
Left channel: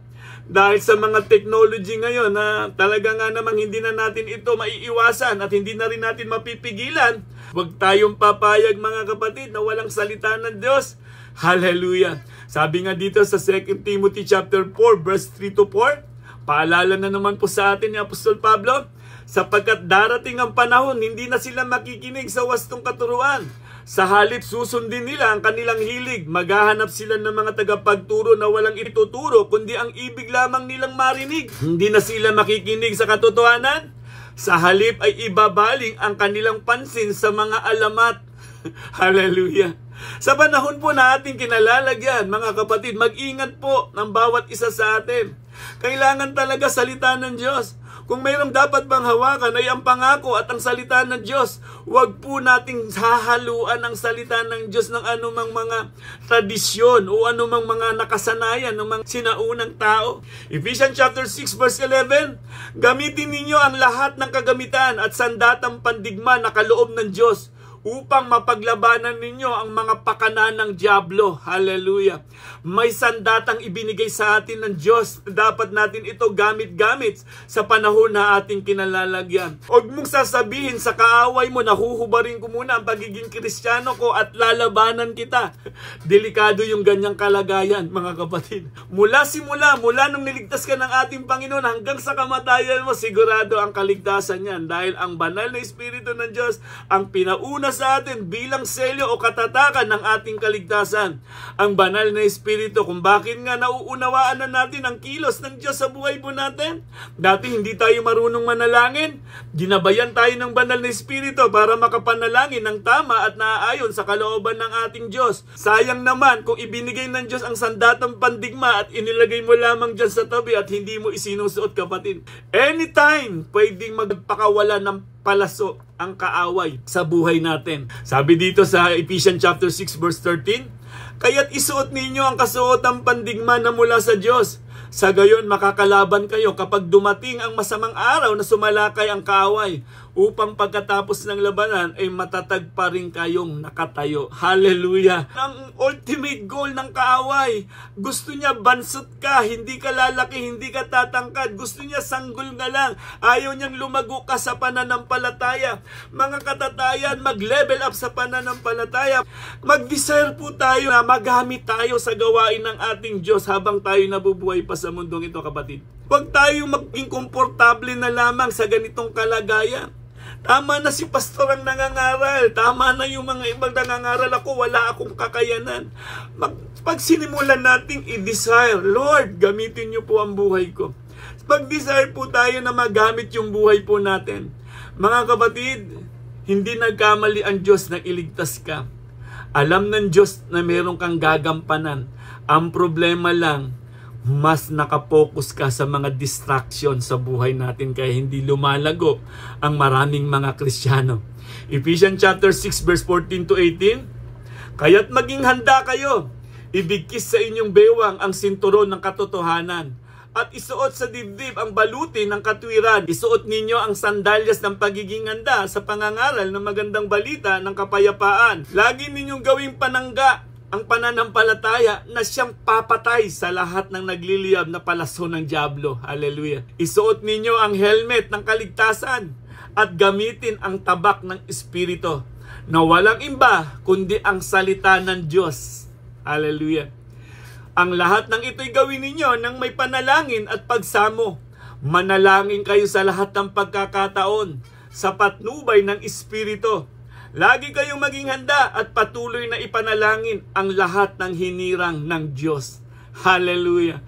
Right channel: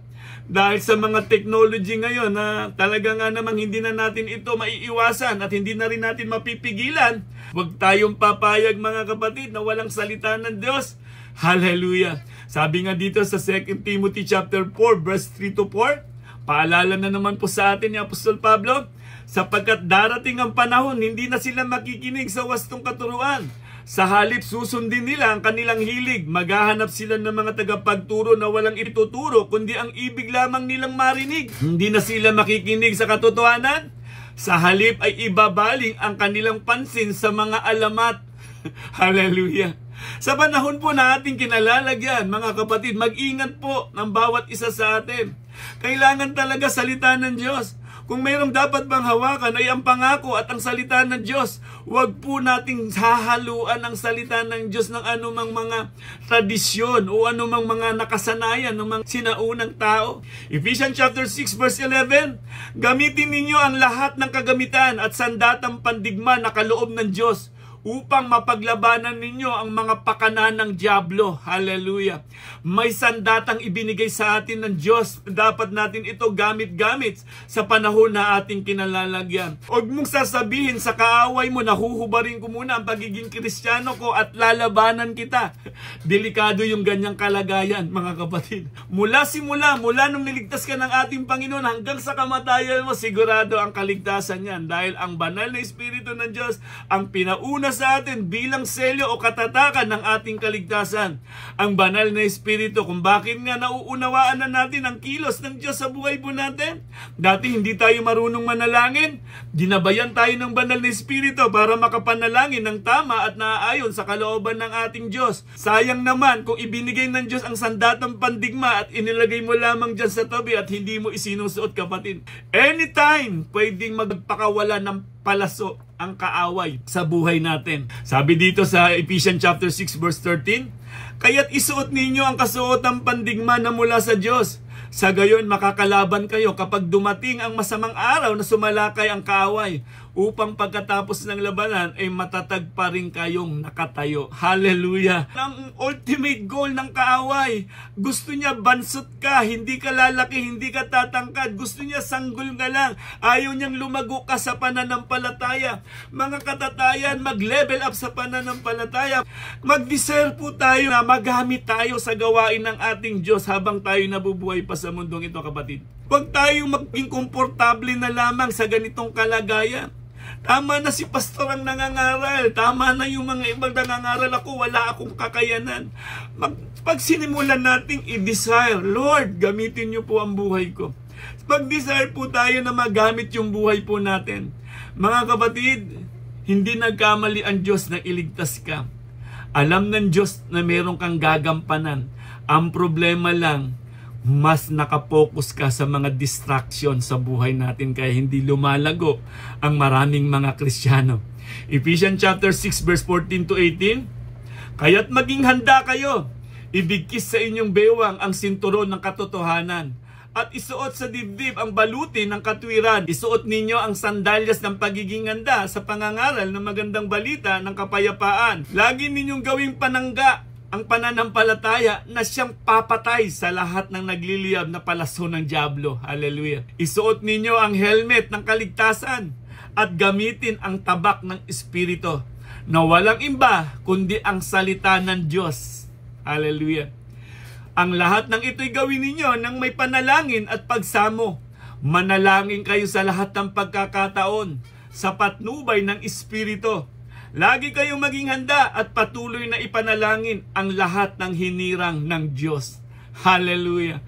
Dahil sa mga technology ngayon na talaga nga namang hindi na natin ito maiiwasan at hindi na rin natin mapipigilan, huwag tayong papayag mga kapatid na walang salita ng Diyos. Hallelujah! Sabi nga dito sa 2 Timothy chapter 4 verse 3 to 4, paalala na naman po sa atin ni Apostol Pablo, sapagkat darating ang panahon, hindi na sila makikinig sa wastong katuruan. Sa halip susundin nila ang kanilang hilig, maghahanap sila ng mga tagapagturo na walang ituturo, kundi ang ibig lamang nilang marinig. Hindi na sila makikinig sa katotohanan. Sa halip ay ibabaling ang kanilang pansin sa mga alamat. Hallelujah! Sa panahon po na ating kinalalagyan, mga kapatid, mag-ingat po ng bawat isa sa atin. Kailangan talaga salita ng Diyos. Kung mayroong dapat bang hawakan ay ang pangako at ang salita ng Diyos. Huwag po nating hahaluan ang salita ng Diyos ng anumang mga tradisyon o anumang mga nakasanayan ng mga sinaunang tao. Ephesians chapter 6 verse 11, gamitin ninyo ang lahat ng kagamitan at sandatang pandigma na kaloob ng Diyos upang mapaglabanan ninyo ang mga pakanan ng dyablo. Hallelujah. May sandatang ibinigay sa atin ng Diyos. Dapat natin ito gamit-gamit sa panahon na ating kinalalagyan. Huwag mong sasabihin sa kaaway mo, nahuhubarin ko muna ang pagiging Kristiyano ko at lalabanan kita. Delikado yung ganyang kalagayan, mga kapatid. Mula nung niligtas ka ng ating Panginoon hanggang sa kamatayan mo, sigurado ang kaligtasan yan. Dahil ang banal na Espiritu ng Diyos ang pinauna sa atin bilang selyo o katatakan ng ating kaligtasan. Ang banal na Espiritu, kung bakit nga nauunawaan na natin ang kilos ng Diyos sa buhay po natin. Dati hindi tayo marunong manalangin. Ginabayan tayo ng banal na Espiritu para makapanalangin ng tama at naaayon sa kalooban ng ating Diyos. Sayang naman kung ibinigay ng Diyos ang sandatang pandigma at inilagay mo lamang dyan sa tabi at hindi mo isinusuot, kapatid. Anytime, pwedeng magpakawala ng palaso ang kaaway sa buhay natin. Sabi dito sa Ephesians chapter 6 verse 13, kaya't isuot ninyo ang kasuotang pandigma na mula sa Diyos. Sa gayon makakalaban kayo kapag dumating ang masamang araw na sumalakay ang kaaway, upang pagkatapos ng labanan ay matatag pa rin kayong nakatayo. Hallelujah! Ang ultimate goal ng kaaway, gusto niya bansot ka, hindi ka lalaki, hindi ka tatangkad, gusto niya sanggol nga lang, ayaw niyang lumago ka sa pananampalataya. Mga katatayan, mag-level up sa pananampalataya. Mag-desire po tayo na magamit tayo sa gawain ng ating Diyos habang tayo nabubuhay pa sa mundong ito, kapatid. Huwag tayo maging komportable na lamang sa ganitong kalagayan. Tama na si pastor ang nangangaral. Tama na yung mga ibang nangangaral. Ako, wala akong kakayanan. Pag sinimulan nating i-desire, Lord, gamitin niyo po ang buhay ko. Pag-desire po tayo na magamit yung buhay po natin. Mga kapatid, hindi nagkamali ang Diyos na iligtas ka. Alam ng Diyos na meron kang gagampanan. Ang problema lang, mas nakapokus ka sa mga distraction sa buhay natin kaya hindi lumalago ang maraming mga Kristiyano. Ephesians chapter 6 verse 14 to 18, kaya't maging handa kayo, ibigkis sa inyong bewang ang sinturon ng katotohanan at isuot sa dibdib ang baluti ng katwiran. Isuot ninyo ang sandalyas ng pagiging handa sa pangangaral ng magandang balita ng kapayapaan. Lagi ninyong gawing panangga ang pananampalataya na siyang papatay sa lahat ng nagliliyab na palaso ng dyablo. Hallelujah. Isuot ninyo ang helmet ng kaligtasan at gamitin ang tabak ng Espiritu na walang iba kundi ang salita ng Diyos. Hallelujah. Ang lahat ng ito'y gawin ninyo nang may panalangin at pagsamo. Manalangin kayo sa lahat ng pagkakataon sa patnubay ng Espiritu. Lagi kayong maging handa at patuloy na ipanalangin ang lahat ng hinirang ng Diyos. Hallelujah!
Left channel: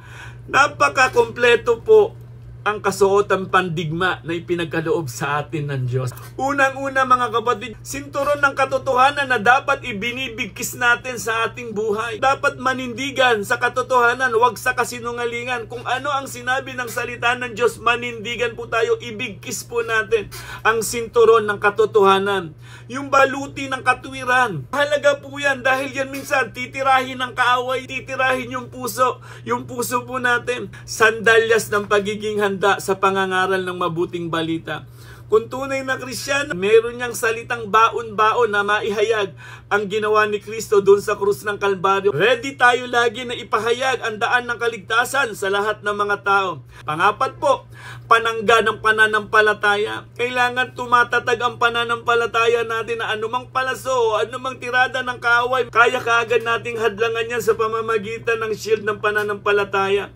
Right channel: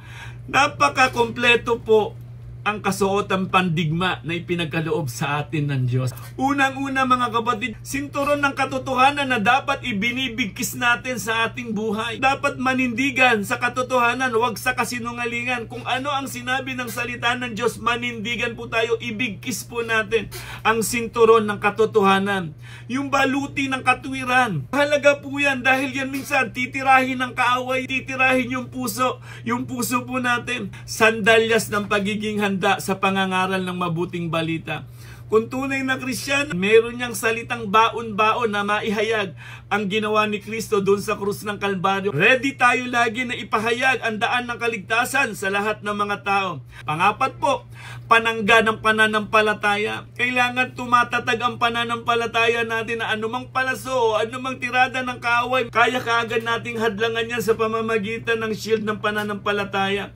Napaka-kompleto po ang kasuotang pandigma na ipinagkaloob sa atin ng Diyos. Unang-una mga kapatid, sinturon ng katotohanan na dapat ibinibigkis natin sa ating buhay. Dapat manindigan sa katotohanan, huwag sa kasinungalingan. Kung ano ang sinabi ng salita ng Diyos, manindigan po tayo, ibigkis po natin ang sinturon ng katotohanan. Yung baluti ng katwiran, mahalaga po yan dahil yan minsan titirahin ng kaaway, titirahin yung puso po natin. Sandalyas ng pagiging handa sa pangangaral ng mabuting balita. Kung tunay na Kristiyano, meron niyang salitang baon-baon na maihayag ang ginawa ni Kristo doon sa krus ng Kalbaryo. Ready tayo lagi na ipahayag ang daan ng kaligtasan sa lahat ng mga tao. Pangapat po, panangga ng pananampalataya. Kailangan tumatatag ang pananampalataya natin na anumang palaso o anumang tirada ng kaaway, kaya kaagad nating hadlangan yan sa pamamagitan ng shield ng pananampalataya.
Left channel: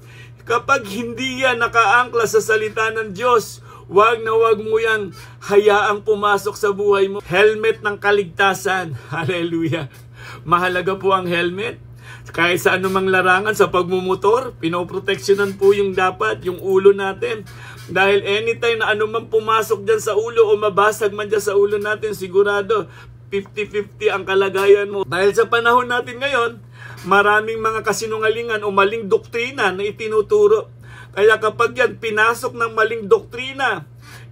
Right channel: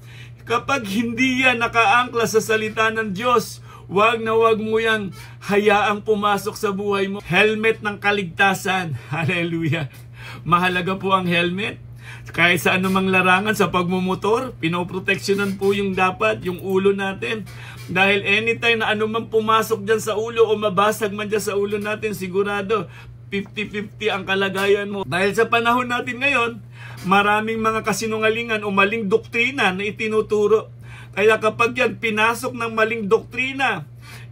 Kapag hindi yan nakaangkla sa salita ng Diyos, wag na wag mo yang hayaang pumasok sa buhay mo. Helmet ng kaligtasan. Hallelujah. Mahalaga po ang helmet. Kahit sa anumang larangan sa pagmumotor, pinoproteksyonan po yung dapat, yung ulo natin. Dahil anytime na anumang pumasok dyan sa ulo o mabasag man dyan sa ulo natin, sigurado 50-50 ang kalagayan mo. Dahil sa panahon natin ngayon, maraming mga kasinungalingan o maling doktrina na itinuturo. Kaya kapag yan pinasok ng maling doktrina,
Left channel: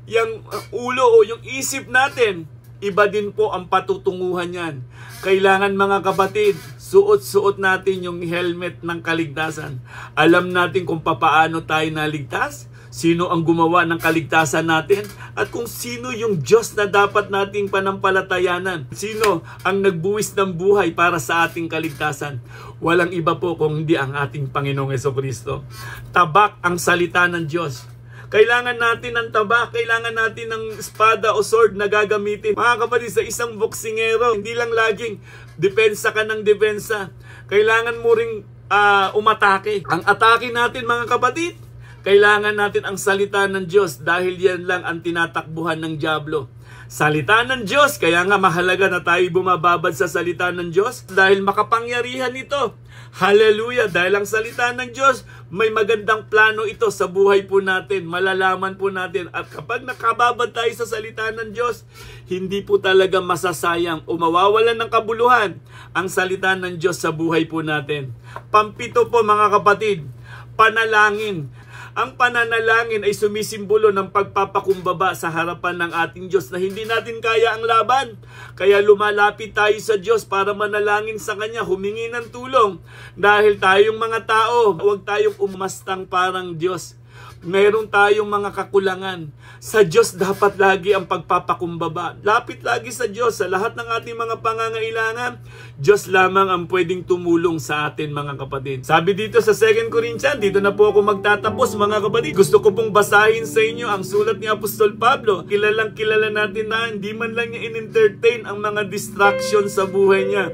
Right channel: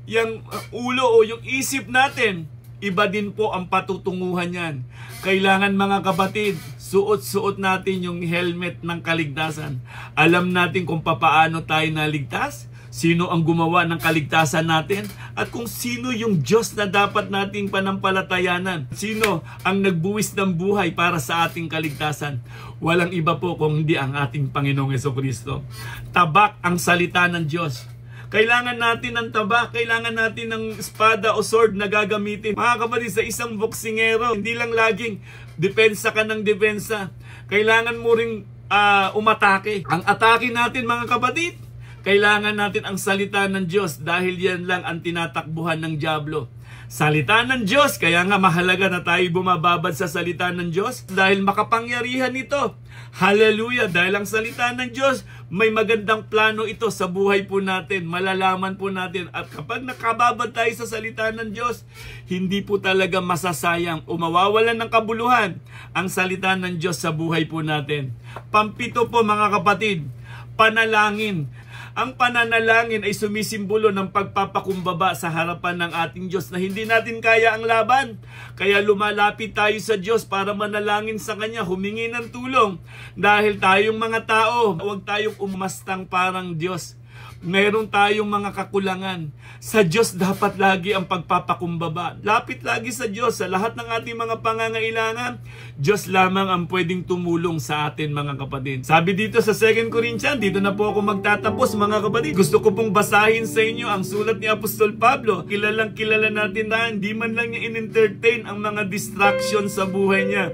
yung ulo o yung isip natin, iba din po ang patutunguhan yan. Kailangan mga kapatid, suot-suot natin yung helmet ng kaligtasan. Alam natin kung papaano tayo naligtas. sino ang gumawa ng kaligtasan natin, at kung sino yung Diyos na dapat nating panampalatayanan. Sino ang nagbuwis ng buhay para sa ating kaligtasan? Walang iba po kung hindi ang ating Panginoong Jesucristo. Tabak ang salita ng Diyos. Kailangan natin ng tabak, kailangan natin ng espada o sword na gagamitin. Mga kapatid, sa isang boksingero, hindi lang laging depensa ka ng depensa. Kailangan mo ring umatake. Ang atake natin, mga kapatid, kailangan natin ang salita ng Diyos, dahil yan lang ang tinatakbuhan ng dyablo. Salita ng Diyos, kaya nga mahalaga na tayo bumababad sa salita ng Diyos, dahil makapangyarihan ito. Hallelujah! Dahil ang salita ng Diyos, may magandang plano ito sa buhay po natin. Malalaman po natin. At kapag nakababad tayo sa salita ng Diyos, hindi po talaga masasayang o mawawalan ng kabuluhan ang salita ng Diyos sa buhay po natin. Pampito po, mga kapatid, panalangin. Ang pananalangin ay sumisimbolo ng pagpapakumbaba sa harapan ng ating Diyos na hindi natin kaya ang laban. Kaya lumalapit tayo sa Diyos para manalangin sa Kanya, humingi ng tulong. Dahil tayong mga tao, huwag tayong umastang parang Diyos. Mayroon tayong mga kakulangan. Sa Diyos dapat lagi ang pagpapakumbaba. Lapit lagi sa Diyos sa lahat ng ating mga pangangailangan. Diyos lamang ang pwedeng tumulong sa atin, mga kapatid. Sabi dito sa 2 Corinthians, dito na po ako magtatapos, mga kapatid. Gusto ko pong basahin sa inyo ang sulat ni Apostol Pablo. Kilalang kilala natin na hindi man lang niya in-entertain ang mga distraction sa buhay niya.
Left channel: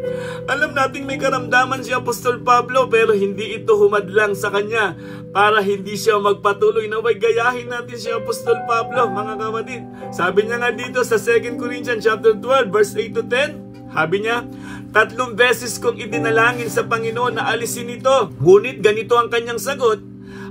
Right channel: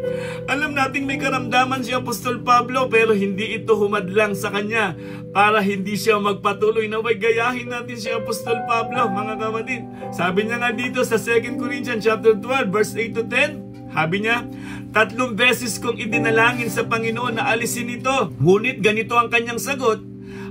Alam natin may karamdaman si Apostol Pablo, pero hindi ito humadlang sa kanya para hindi siya magpatuloy. Naway gayahin natin si Apostol Pablo, mga kapatid. Sabi niya nga dito sa 2 Corinthians chapter 12 verse 8 to 10, sabi niya, 3 beses kong idinalangin sa Panginoon na alisin ito. Ngunit ganito ang kanyang sagot,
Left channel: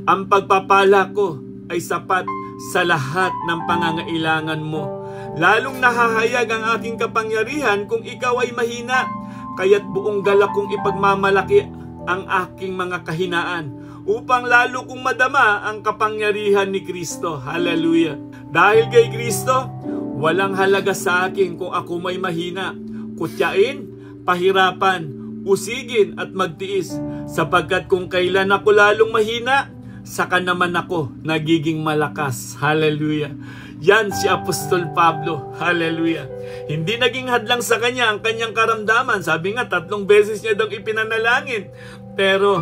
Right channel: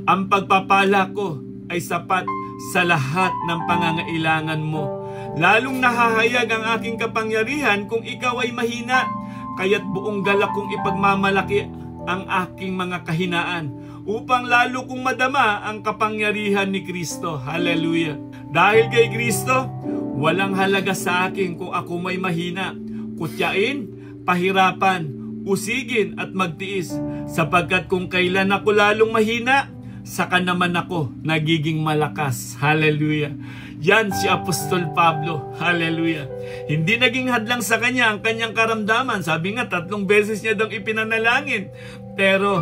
ang pagpapala ko ay sapat sa lahat ng pangangailangan mo. Lalong nahahayag ang aking kapangyarihan kung ikaw ay mahina, kaya't buong galak kong ipagmamalaki ang aking mga kahinaan, upang lalo kong madama ang kapangyarihan ni Kristo. Hallelujah! Dahil kay Kristo, walang halaga sa akin kung ako may mahina, kutyain, pahirapan, usigin at magtiis, sapagkat kung kailan ako lalong mahina, saka naman ako nagiging malakas. Hallelujah! Yan si Apostol Pablo. Hallelujah! Hindi naging hadlang sa kanya ang kanyang karamdaman. Sabi nga, 3 beses niya daw ipinanalangin. Pero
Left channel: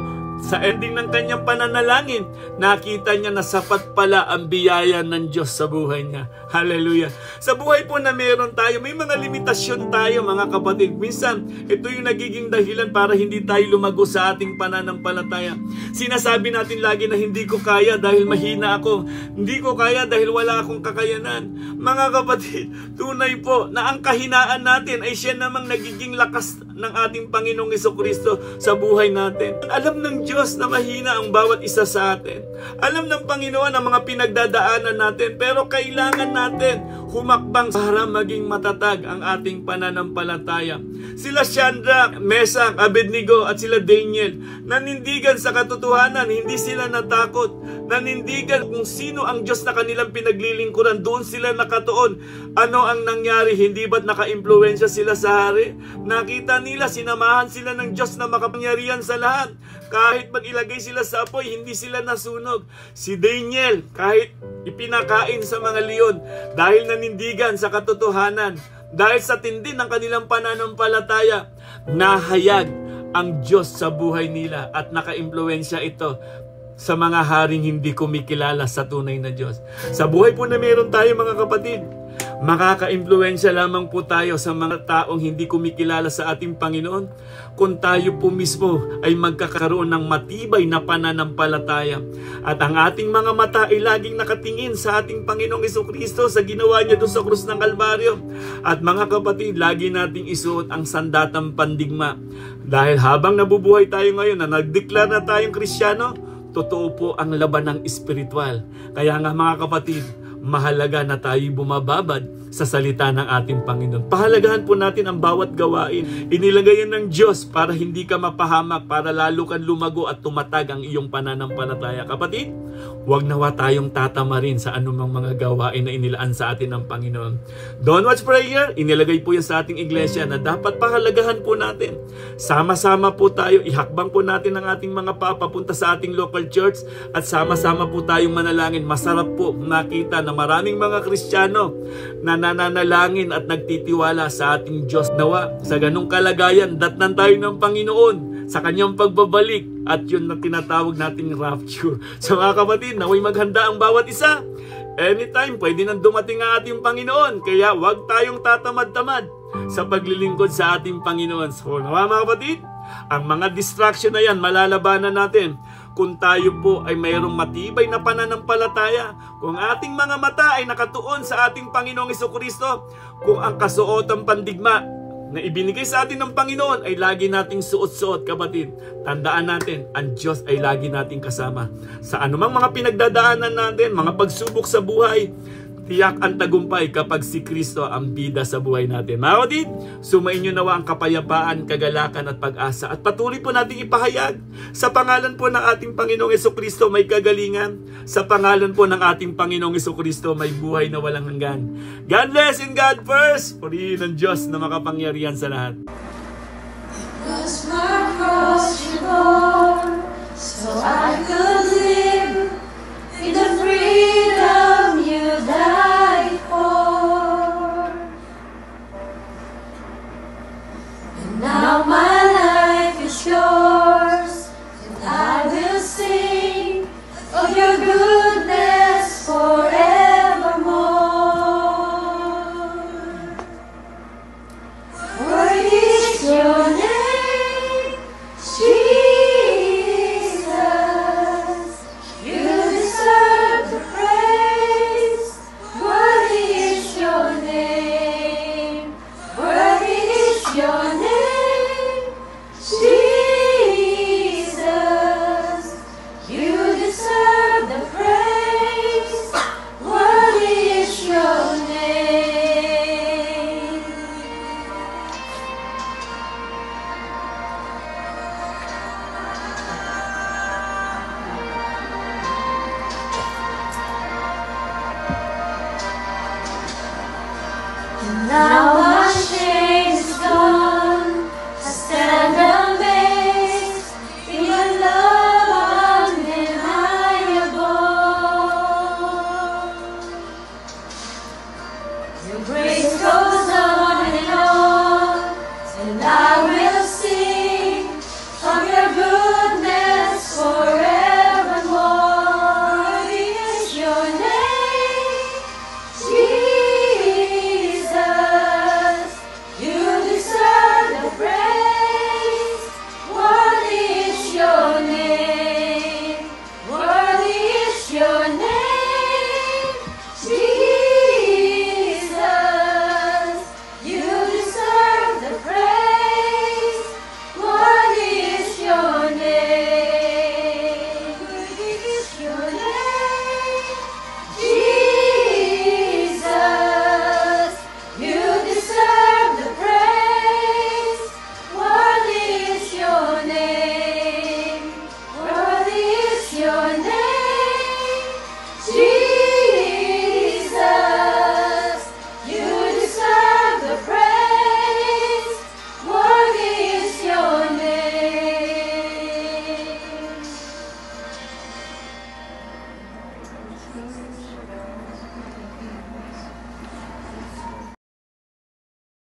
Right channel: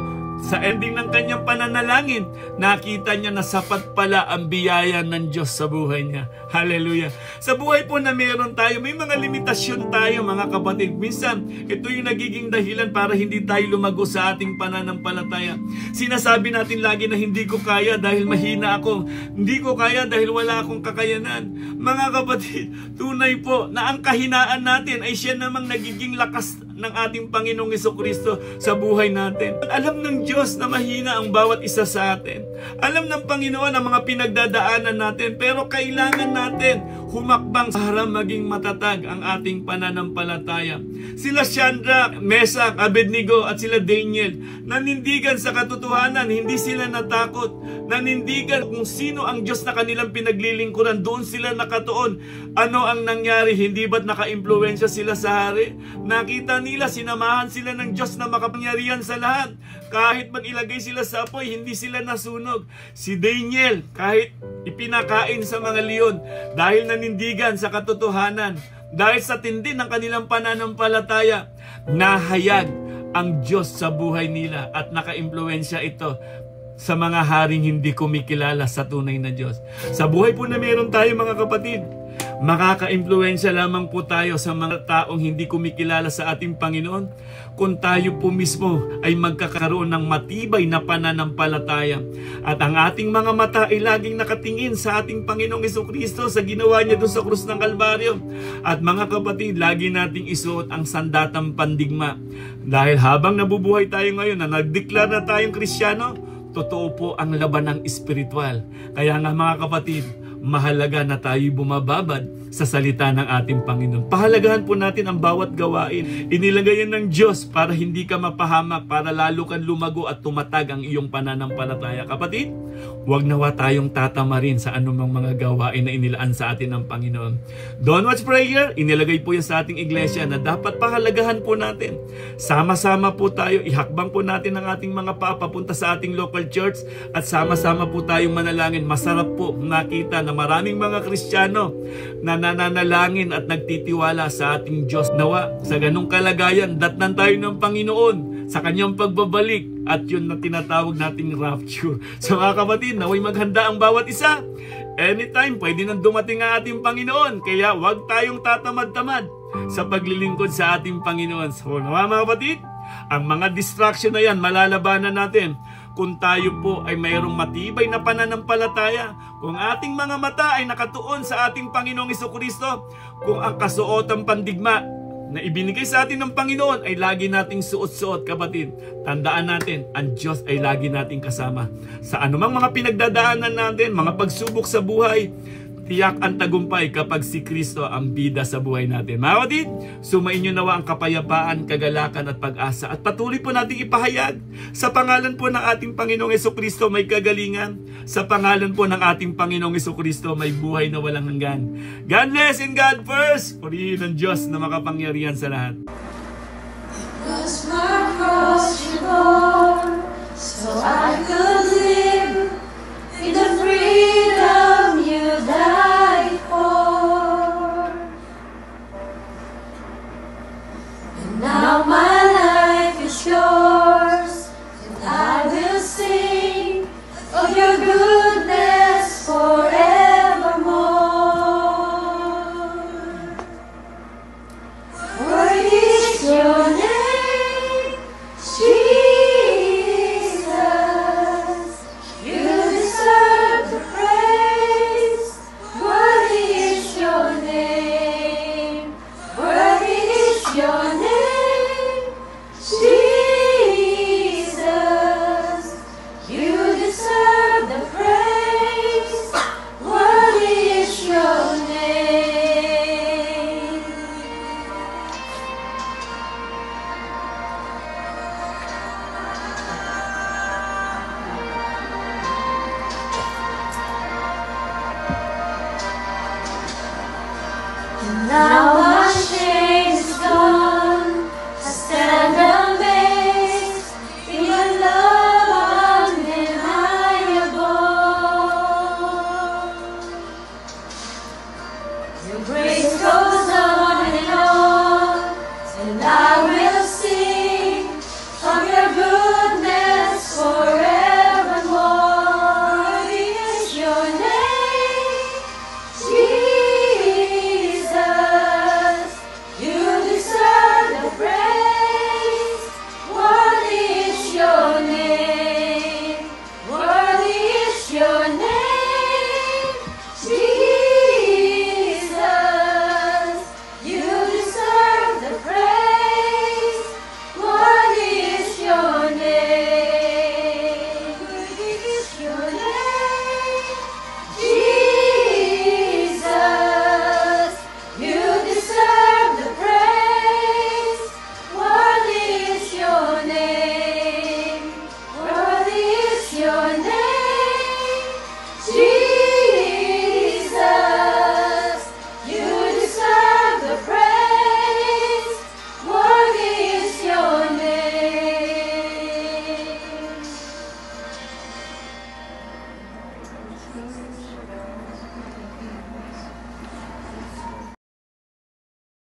sa ending ng kanyang pananalangin, nakita niya na sapat pala ang biyaya ng Diyos sa buhay niya. Hallelujah! Sa buhay po na meron tayo, may mga limitasyon tayo, mga kapatid. Minsan, ito yung nagiging dahilan para hindi tayo lumago sa ating pananampalataya. Sinasabi natin lagi na hindi ko kaya dahil mahina ako. Hindi ko kaya dahil wala akong kakayanan. Mga kapatid, tunay po na ang kahinaan natin ay siya namang nagiging lakas ng ating Panginoong Jesucristo sa buhay natin. Alam ng Diyos na mahina ang bawat isa sa atin. Alam ng Panginoon ang mga pinagdadaanan natin, pero kailangan natin humakbang para maging matatag ang ating pananampalataya. Sila Shadrach, Meshach, Abednego at sila Daniel, nanindigan sa katotohanan, hindi sila natakot. Nanindigan kung sino ang Diyos na kanilang pinaglilingkuran, doon sila nakatuon. Ano ang nangyari? Hindi ba't naka-impluwensya sila sa hari? Nakita nila, sinamahan sila ng Diyos na makapangyarihan sa lahat. Kahit mag-ilagay sila sa apoy, hindi sila nasunog. Si Daniel, kahit ipinakain sa mga leon, dahil nanindigan sa katotohanan, dahil sa tindi ng kanilang pananampalataya, nahayag ang Diyos sa buhay nila at naka-impluwensya ito sa mga haring hindi kumikilala sa tunay na Diyos. Sa buhay po na meron tayo, mga kapatid, makaka-impluwensya lamang po tayo sa mga taong hindi kumikilala sa ating Panginoon kung tayo po mismo ay magkakaroon ng matibay na pananampalataya. At ang ating mga mata ay laging nakatingin sa ating Panginoong Jesucristo sa ginawa niya doon sa krus ng Kalbaryo. At mga kapatid, lagi nating isuot ang sandatang pandigma. Dahil habang nabubuhay tayo ngayon na nagdeklara na tayong Kristiyano, totoo po ang labanang espiritual. Kaya nga, mga kapatid, mahalaga na tayo bumababad sa salita ng ating Panginoon. Pahalagahan po natin ang bawat gawain. Inilagay yan ng Diyos para hindi ka mapahamak, para lalo kang lumago at tumatag ang iyong pananampalataya. Kapatid, Huwag nawa tayong tatamarin sa anumang mga gawain na inilaan sa atin ng Panginoon. Don't Watch Prayer, inilagay po yan sa ating iglesia na dapat pahalagahan po natin. Sama-sama po tayo, ihakbang po natin ang ating mga papunta sa ating local church at sama-sama po tayong manalangin. Masarap po nakita na maraming mga Kristiyano na nananalangin at nagtitiwala sa ating Diyos. Nawa, sa ganong kalagayan, datnan tayo ng Panginoon sa kanyang pagbabalik at yun na tinatawag nating rapture. So mga kapatid, naway maghanda ang bawat isa. Anytime, pwede nang dumating ang ating Panginoon. Kaya huwag tayong tatamad-tamad sa paglilingkod sa ating Panginoon. So mga kapatid, ang mga distraction na yan, malalabanan natin kung tayo po ay mayroong matibay na pananampalataya, kung ating mga mata ay nakatuon sa ating Panginoong Jesucristo, kung ang kasuotang pandigma na ibinigay sa atin ng Panginoon ay lagi nating suot-suot, kapatid. Tandaan natin, ang Diyos ay lagi nating kasama. Sa anumang mga pinagdadaanan natin, mga pagsubok sa buhay, tiyak ang tagumpay kapag si Kristo ang bida sa buhay natin. Mga kapatid, sumain nyo nawa ang kapayapaan, kagalakan at pag-asa. At patuloy po natin ipahayag sa pangalan po ng ating Panginoong Jesucristo may kagalingan. Sa pangalan po ng ating Panginoong Jesucristo may buhay na walang hanggan. God bless and God first. Purihin ng Diyos na makapangyarihan sa lahat. Was my cross you bore, so I could live in the freedom you died for. And now my life is yours, and I will sing of your goodness forevermore. Worthy is your name, Jesus. You deserve the praise. Worthy is your name. Worthy is your name, Jesus. You deserve the praise. Worthy is your name. And now my shame is gone. I stand amazed in your love undeniable. Your grace goes